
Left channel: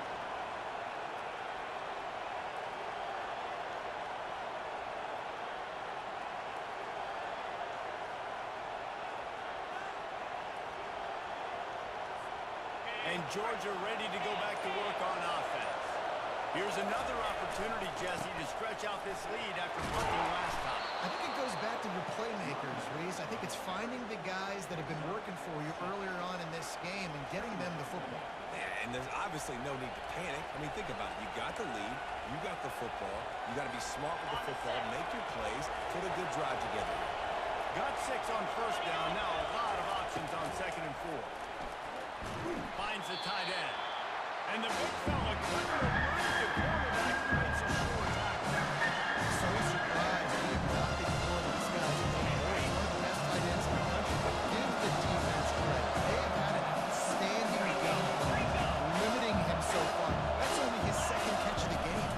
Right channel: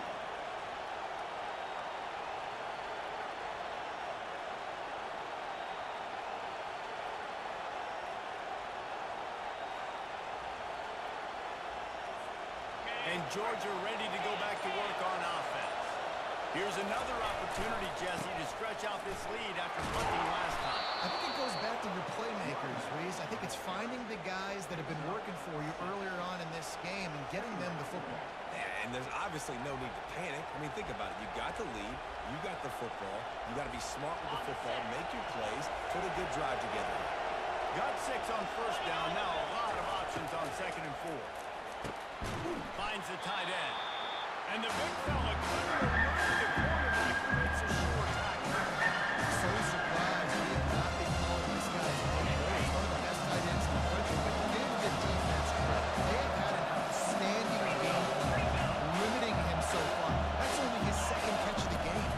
And Georgia ready to go back to work on offense. Here's another opportunity, Jesse, to stretch out this lead after punting last time. I think it goes back to your playmakers, Reese. I think it's finding the guys that have been working for you earlier on in this game and getting them the football. Yeah, and there's obviously no need to panic. I mean, think about it. You got the lead. You got the football. You got to be smart with the football. Make your plays. Put a good drive together here. Got 6 on first down. Now a lot of options on 2nd and 4. Finds the tight end. And the big fella couldn't elude the cornerback who makes a sure tackle. So surprised we have not been calling this guy's name more. He's one of the best tight ends in the country, but give the defense credit. They have had an outstanding game plan, limiting him so far. That's only his 2nd catch of the game.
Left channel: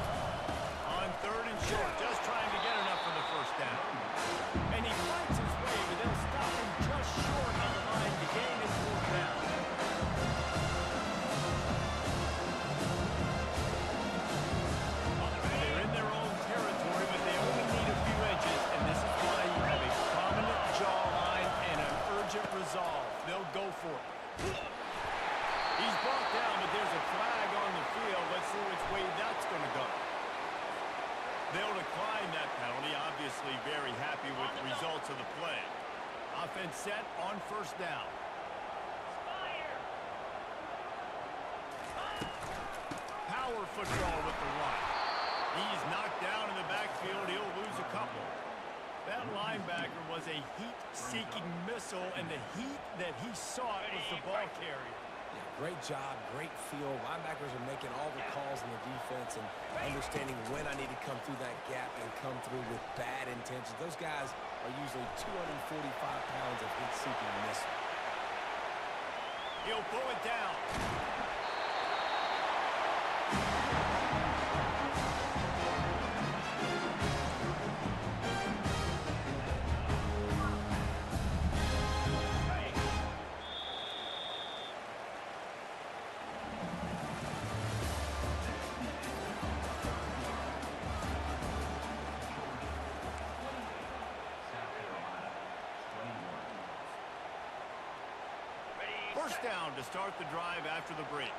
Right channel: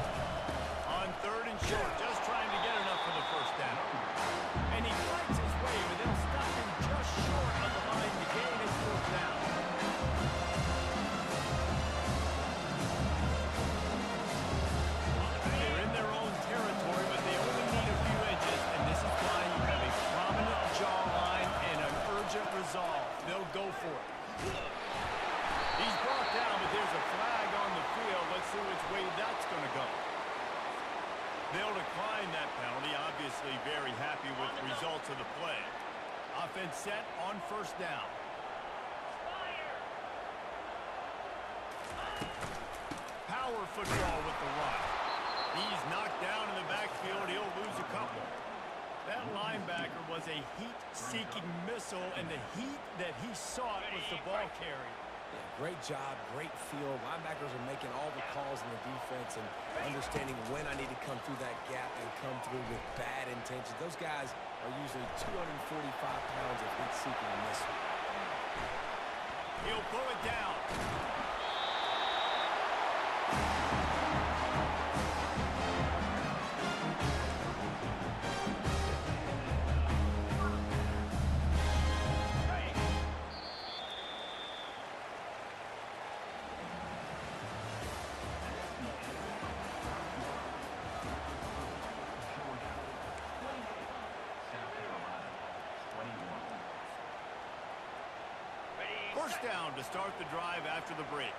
On 3rd and short, just trying to get enough for the first down. And he fights his way, but they'll stop him just short of the line to gain his 4th down. They're in their own territory, but they only need a few inches, and this is why you have a prominent jawline and an urgent resolve. They'll go for it. He's brought down, but there's a flag on the field. Let's see which way that's going to go. They'll decline that penalty. Obviously very happy with the results of the play. Offense set on first down. Fire. Power football with the run. He's knocked down in the backfield. He'll lose a couple. That linebacker was a heat-seeking missile, and the heat that he sought was the ball carrier. Yeah, great job, great feel. Linebackers are making all the calls in the defense and understanding when I need to come through that gap and come through with bad intentions. Those guys are usually 245 pounds of heat-seeking missile. He'll pull it down. First down to start the drive after the break.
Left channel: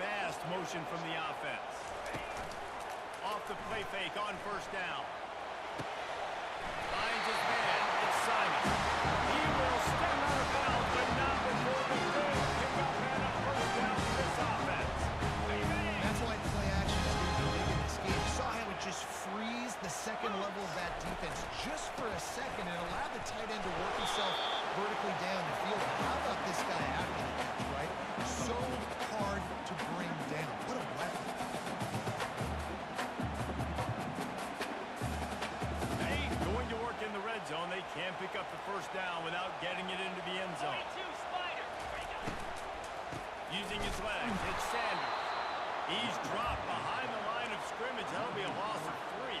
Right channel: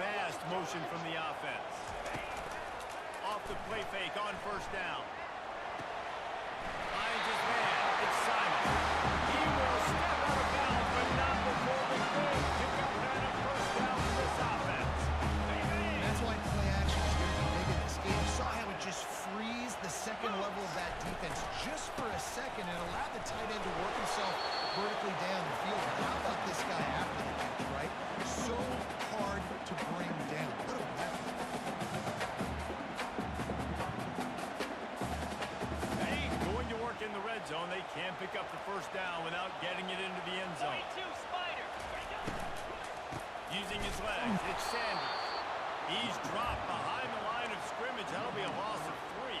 Fast motion from the offense. Off the play fake on first down. Finds his man. It's Simon. He will step out of bounds, but not before the big pickup and a first down for this offense. And that's why play action is going to be big in this game. You saw how it just frees the second level of that defense just for a second and allowed the tight end to work himself vertically down the field. But how about this guy after the catch, right? So hard to bring down. What a weapon. Hey, going to work in the red zone. They can't pick up the first down without getting it into the end zone. 22, Spider. Using his legs, it's Sanders. He's dropped behind the line of scrimmage. That'll be a loss of 3.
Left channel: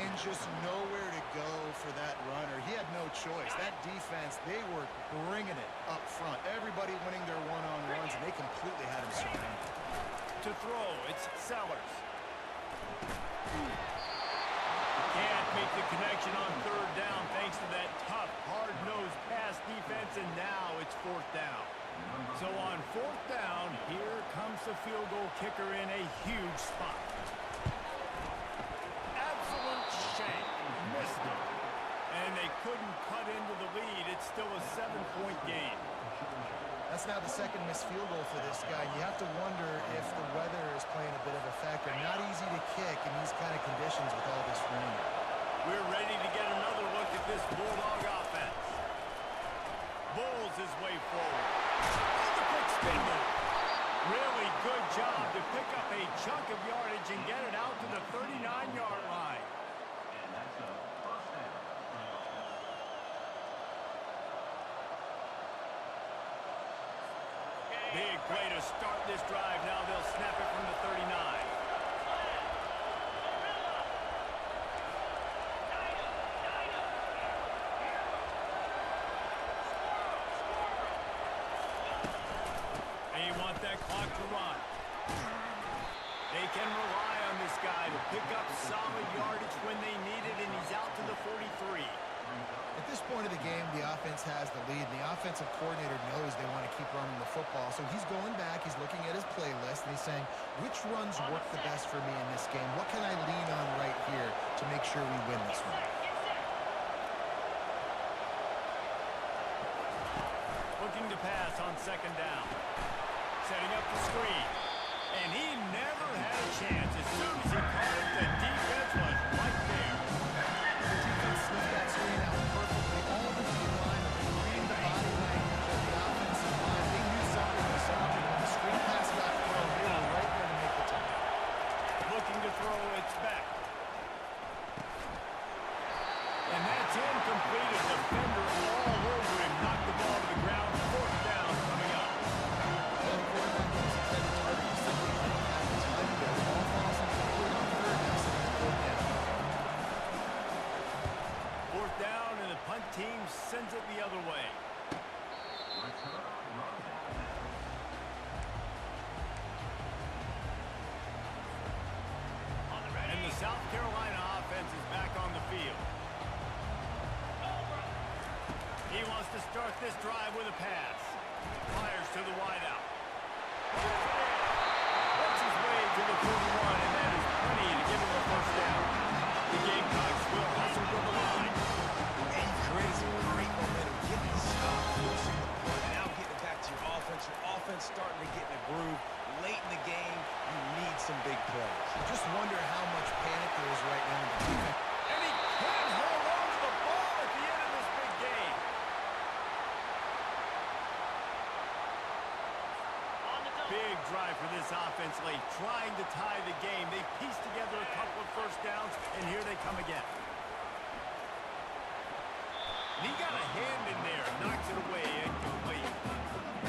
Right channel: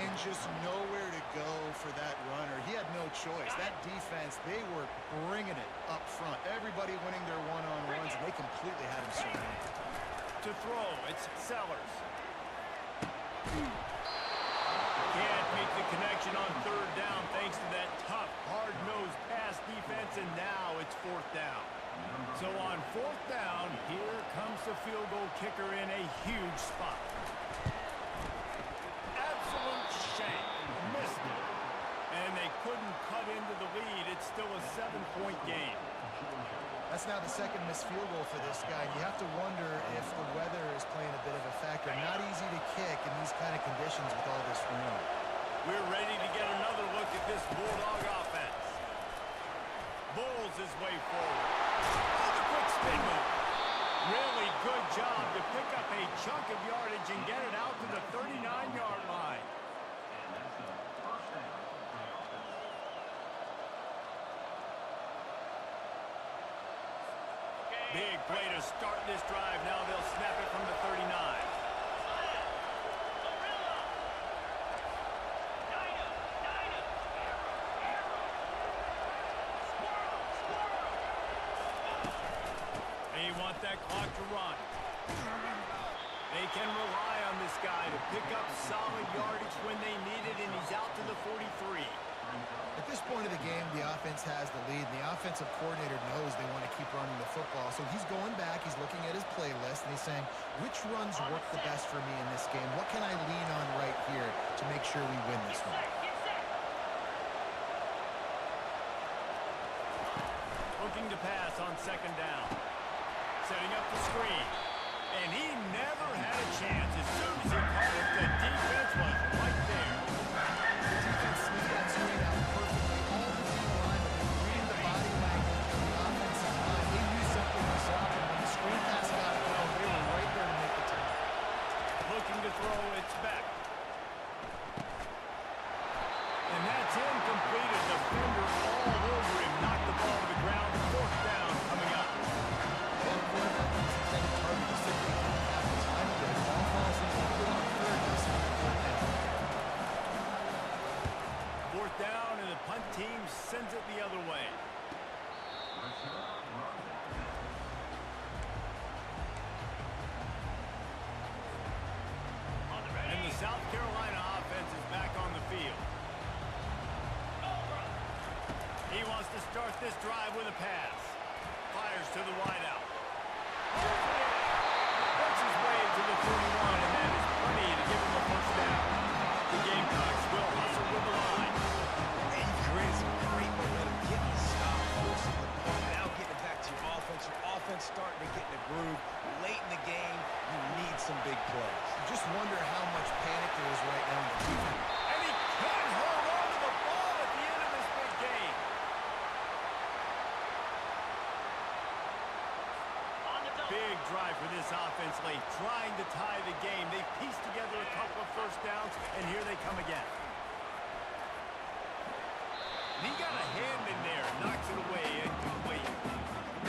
And just nowhere to go for that runner. He had no choice. That defense, they were bringing it up front. Everybody winning their one-on-ones, and they completely had him surrounded. To throw, it's Sellers. Can't make the connection on third down thanks to that tough, hard-nosed pass defense, and now it's 4th down. So on 4th down, here comes the field goal kicker in a huge spot. Absolute shame. Missed it. And they couldn't cut into the lead. It's still a 7-point game. That's now the second missed field goal for this guy. You have to wonder if the weather is playing a bit of a factor. Not easy to kick in these kind of conditions with all this rain. We're ready to get another look at this Bulldog offense. Bulls his way forward. Oh, the quick spin move. Really good job to pick up a chunk of yardage and get it out to the 39-yard line. And that's a first down for the offense. Big play to start this drive. Now they'll snap it from the 39. They want that clock to run. They can rely on this guy to pick up solid yardage when they need it, and he's out to the 43. At this point of the game, the offense has the lead. The offensive coordinator knows they want to keep running the football. So he's going back, he's looking at his playlist, and he's saying, which runs work the best for me in this game? What can I lean on right here to make sure we win this one? Looking to pass on 2nd down. Setting up the screen. And he never had a chance. As soon as he caught it, the defense was right there. The defense sniffed that screen out perfectly. All the D-line, they were reading the body language of the offensive line. They knew something was up, and when the screen pass got thrown, they were right there to make the tackle. Looking to throw, it's back. And that's incomplete. A defender all over him. Knocked the ball to the ground. 4th down coming up. Well, the quarterback and his intended target just simply didn't have the time there. The ball falls incomplete on 3rd, now sitting at 4th down. 4th down, and the punt team sends it the other way. And the South Carolina offense is back on the field. He wants to start this drive with a pass. Fires to the wideout. Works his way to the 41, and that is plenty to give him a 1st down. The Gamecocks will hustle with the line. And you've created some great momentum. Getting the stop, forcing the punt, now getting it back to your offense. Your offense starting to get in a groove. Late in the game, you need some big plays. You just wonder how much panic there is right now in the defense. And he can't hold on to the ball at the end of this big game. Big drive for this offense late, trying to tie the game. They pieced together a couple of 1st downs, and here they come again. And he got a hand in there, knocks it away, incomplete.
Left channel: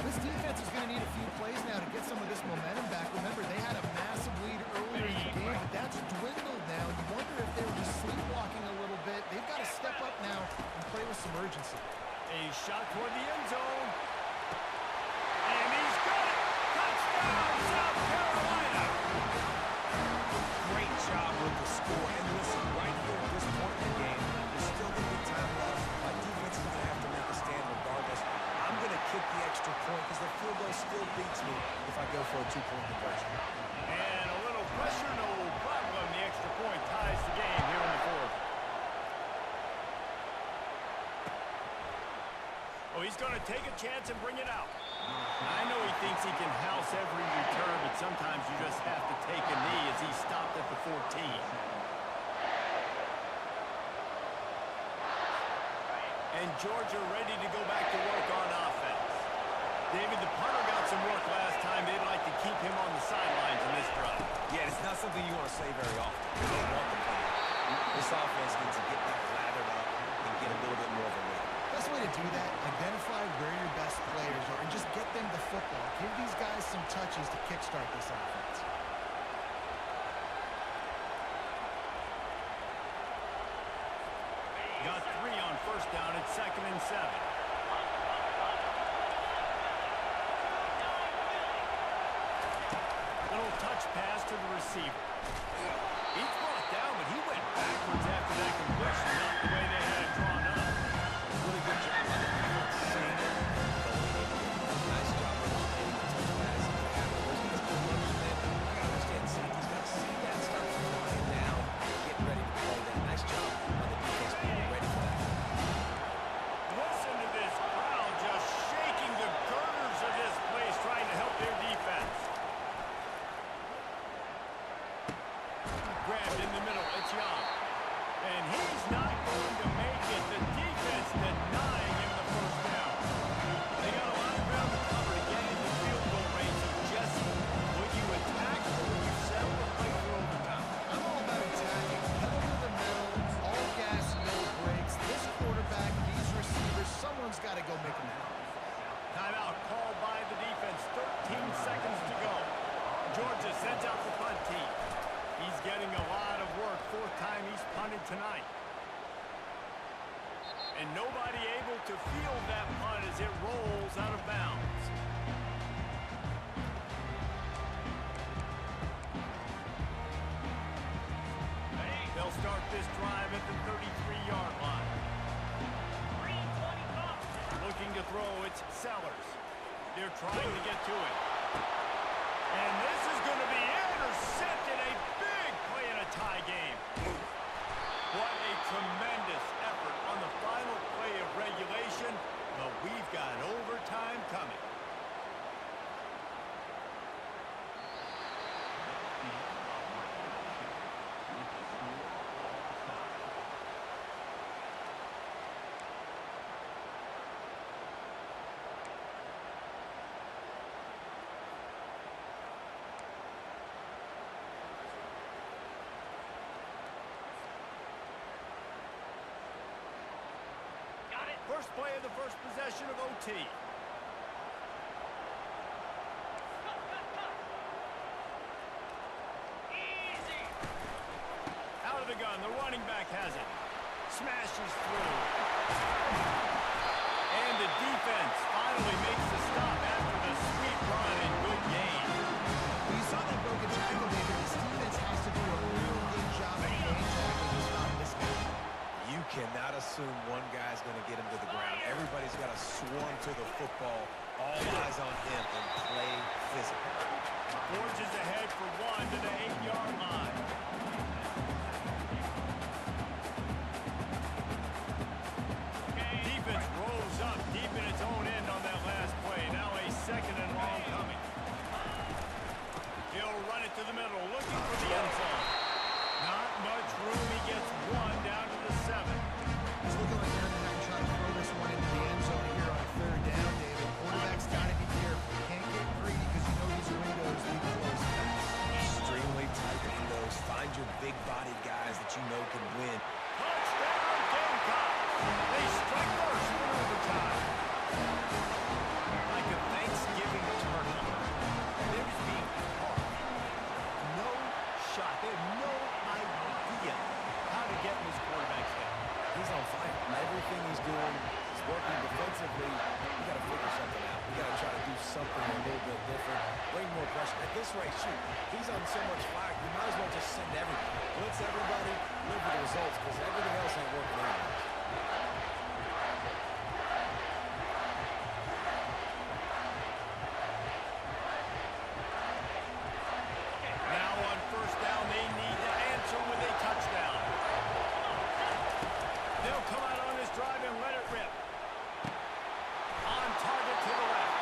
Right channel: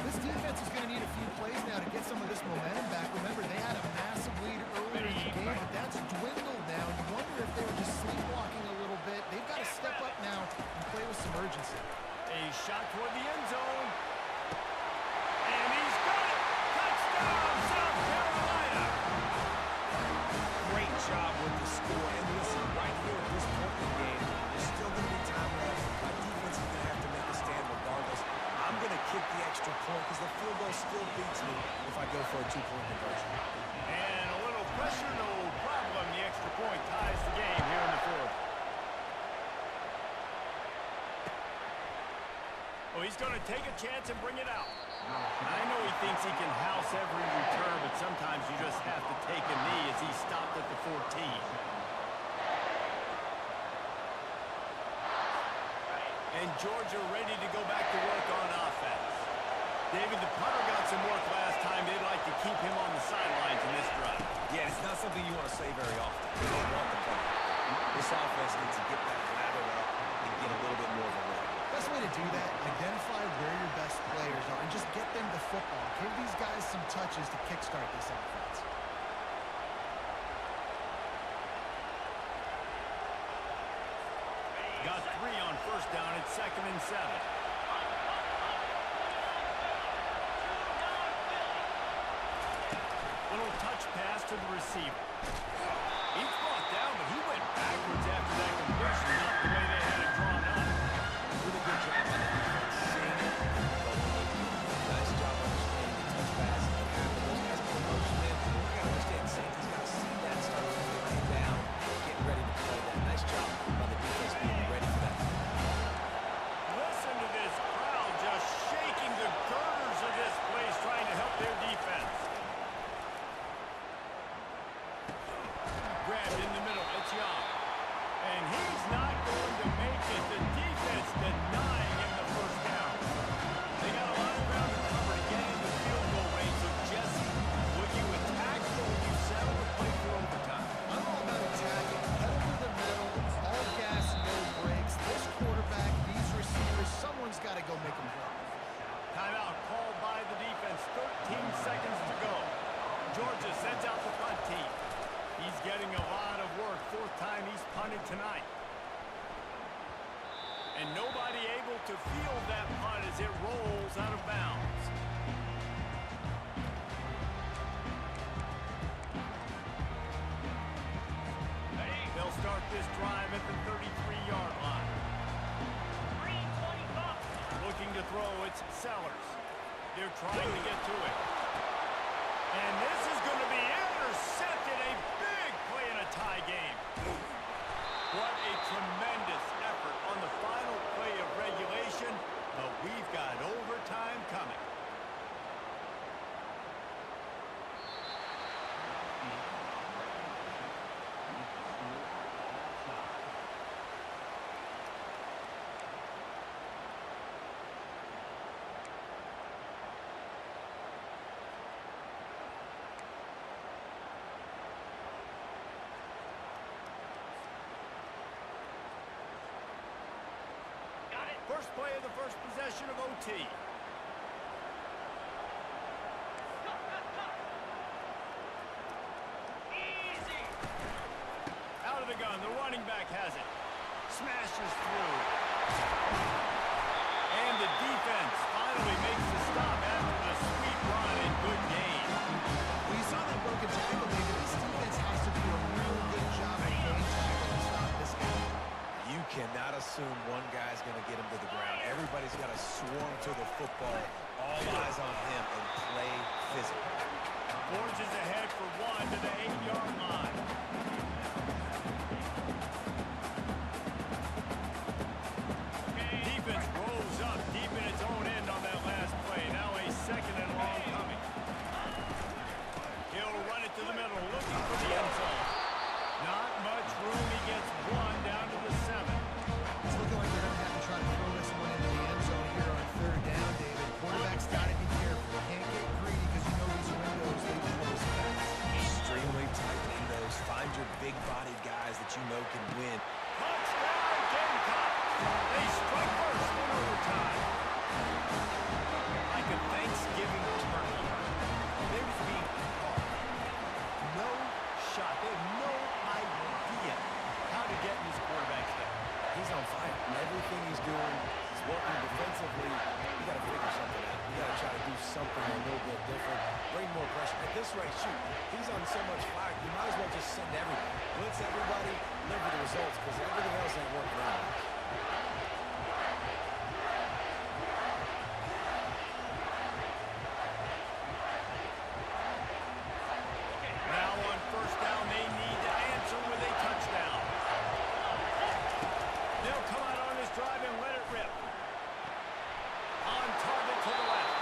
This defense is going to need a few plays now to get some of this momentum back. Remember, they had a massive lead earlier in the game, but that's dwindled now. You wonder if they were just sleepwalking a little bit. They've got to step up now and play with some urgency. A shot toward the end zone. And he's got it! Touchdown, South Carolina! Great job with the score. And listen, right here at this point in the game, there's still going to be time left. My defense is going to have to make a stand regardless. I'm going to kick the extra point because the field goal still beats me if I go for a 2-point conversion. And a little pressure, no problem. The extra point ties the game here in the 4th. Oh, he's going to take a chance and bring it out. I know he thinks he can house every return, but sometimes you just have to take a knee as he stopped at the 14. And Georgia ready to go back to work on offense. David, the punter got some work last time. They'd like to keep him on the sidelines in this drive. Yeah, it's not something you want to say very often. You don't want the punter. This offense needs to get back lathered up and get a little bit more of a rhythm. Best way to do that, identify where your best players are and just get them the football. Give these guys some touches to kickstart this offense. Got 3 on first down. It's 2nd and 7. Little touch pass to the receiver. He's brought down, but he went backwards after that completion, not the way they had it drawn up. Really good job on the defense, seeing it and going and getting it. Nice job understanding the touch pass. It can happen. Those guys go motion, man. I got to understand, safety's got to see that, start flying down, getting ready to play that. Nice job by the defense being ready for that. Listen to this crowd just shaking the girders of this place, trying to help their defense. Grabbed in the middle, it's Young. And he's not going to make it. The defense denying him the first down. They got a lot of ground to cover to get into field goal range. So, Jesse, would you attack or would you settle or play for overtime? I'm all about attacking. Pedal to the metal, all gas, no brakes. This quarterback, these receivers, someone's got to go make them play. Timeout called by the defense. 13 seconds to go. Georgia sends out the punt team. He's getting a lot of work. 4th time he's punted tonight. And nobody able to field that punt as it rolls out of bounds. They'll start this drive at the 33-yard line. Looking to throw, it's Sellers. They're trying to get to it. And this is going to be intercepted. A big play in a tie game. What a tremendous effort on the final play of regulation. But we've got overtime coming. First play of the first possession of OT. Easy. Out of the gun, the running back has it. Smashes through. And the defense finally makes the stop after the sweet run and good gain. Well, you saw that broken tackle, David. This defense has to do a real good job of game tackling to stop this guy. You cannot assume one guy's going to get him to the ground. Everybody's got to swarm to the football. All eyes on him and play physical. Forges ahead for 1 to the 8-yard line. Defense rose up deep in its own end on that last play. Now a 2nd and long coming. He'll run it to the middle, looking for the end zone. Not much room. He gets 1 down to the 7. It's looking like they're going to have to try to throw this one into the end zone here on 3rd down, David. Quarterback's got to be careful. Can't get greedy because you know these windows, they close fast. Extremely tight windows. Find your big-bodied guys that you know can win. Touchdown, Gamecocks! They strike first in overtime. Like a Thanksgiving turkey. They're just being carved. No shot. They have no idea how to get in this quarterback's head. He's on fire. Everything he's doing is working defensively. We got to figure something out. We got to try to do something a little bit different. Bring more pressure. At this rate, shoot, he's on so much fire. You might as well just send everybody. Blitz everybody, live with the results, because everything else ain't working anyways. Now on first down, they need to answer with a touchdown. They'll come out on this drive and let it rip. On target to the left.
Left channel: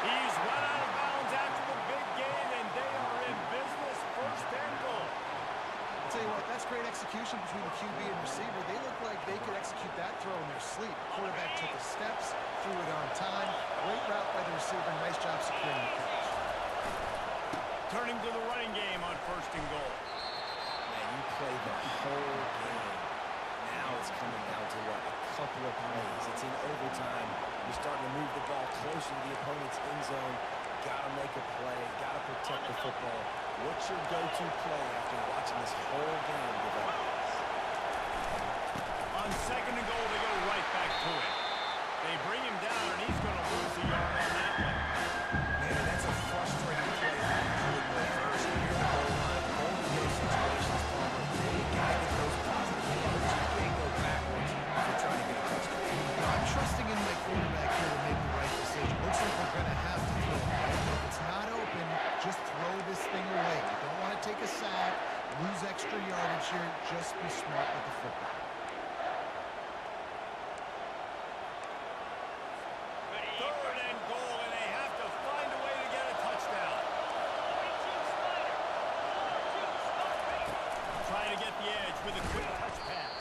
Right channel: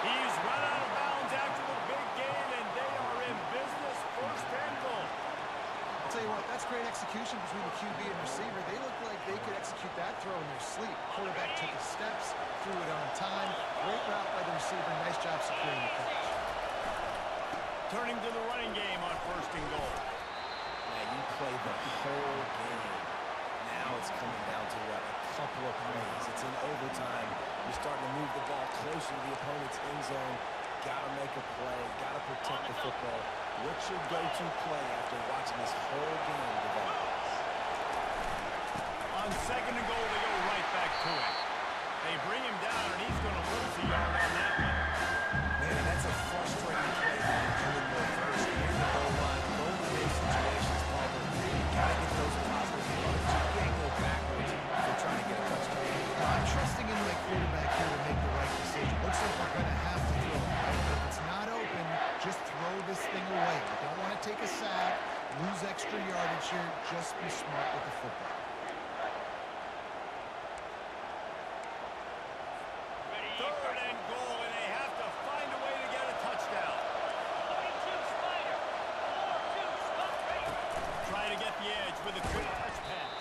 He's run out of bounds after the big gain, and they are in business. 1st and goal. I'll tell you what, that's great execution between the QB and receiver. They look like they could execute that throw in their sleep. Quarterback took his steps, threw it on time. Great route by the receiver. Nice job securing the catch. Turning to the running game on 1st and goal. Man, you play the whole game. Now it's coming down to what? A couple of plays. It's in overtime. You're starting to move the ball closer to the opponent's end zone. Got to make a play. Got to protect the football. What's your go-to play after watching this whole game develop? On 2nd and goal, they go right back to it. They bring him down, and he's going to lose a yard on that one. Man, and that's a frustrating play when you do it in reverse. Near the goal line, goal in those situations, Palmer, you got to get those positive yards. You can't go backwards if you're trying to get a touchdown. I'm trusting in my quarterback here to make the right decision. Looks like we're going to have to throw it, right? But if it's not open, just throw this thing away. You don't want to take a sack, lose extra yardage here. Just be smart with the football. Ready. 3rd and goal, and they have to find a way to get a touchdown. 42 Spider. 4-2 spot rate. Trying to get the edge with a quick touch pass.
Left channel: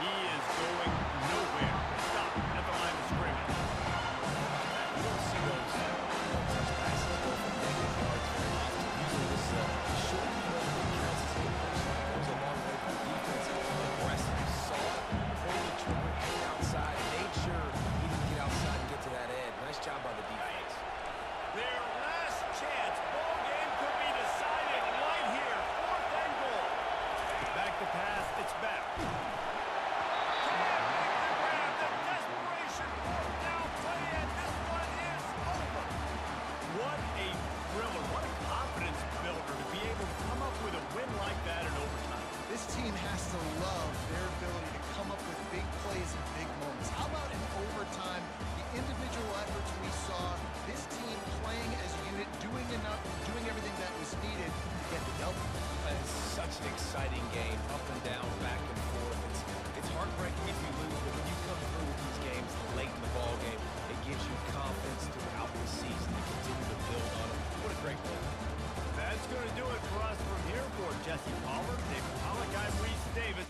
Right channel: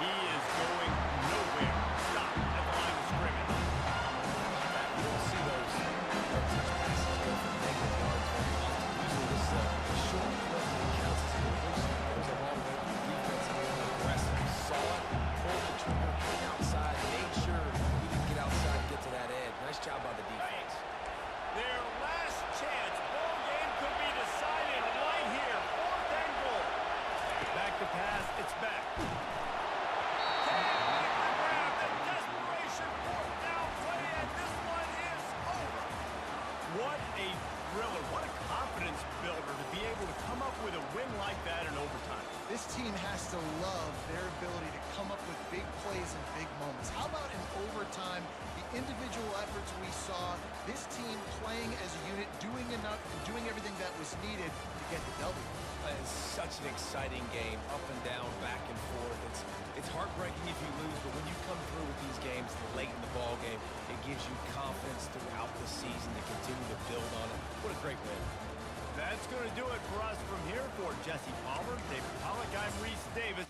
He is going nowhere. Stop at the line of scrimmage. How about that? You don't see those touch passes go for negative yards very often. Usually this short clip that counts as a completion goes a long way for the defense. Aggressive. Saw it, pulled the trigger, came outside, made sure he didn't get outside and get to that edge. Nice job by the defense. Their last chance. Ball game could be decided right here. 4th and goal. Back to pass. It's back. Can't make the grab. The desperation 4th down play, and this one is over. What a thriller. What a confidence builder to be able to come up with a win like that in overtime. This team has to love their ability to come up with big plays and big moments. How about in overtime, the individual efforts we saw, this team playing as a unit, doing enough, doing everything that was needed to get the W. It's such an exciting game, up and down, back and forth. It's heartbreaking if you lose, but when you come through with these games late in the ball game, it gives you confidence throughout the season to continue to build on it. What a great win. That's going to do it for us from here. For Jesse Palmer, David Pollock, I'm Reese Davis.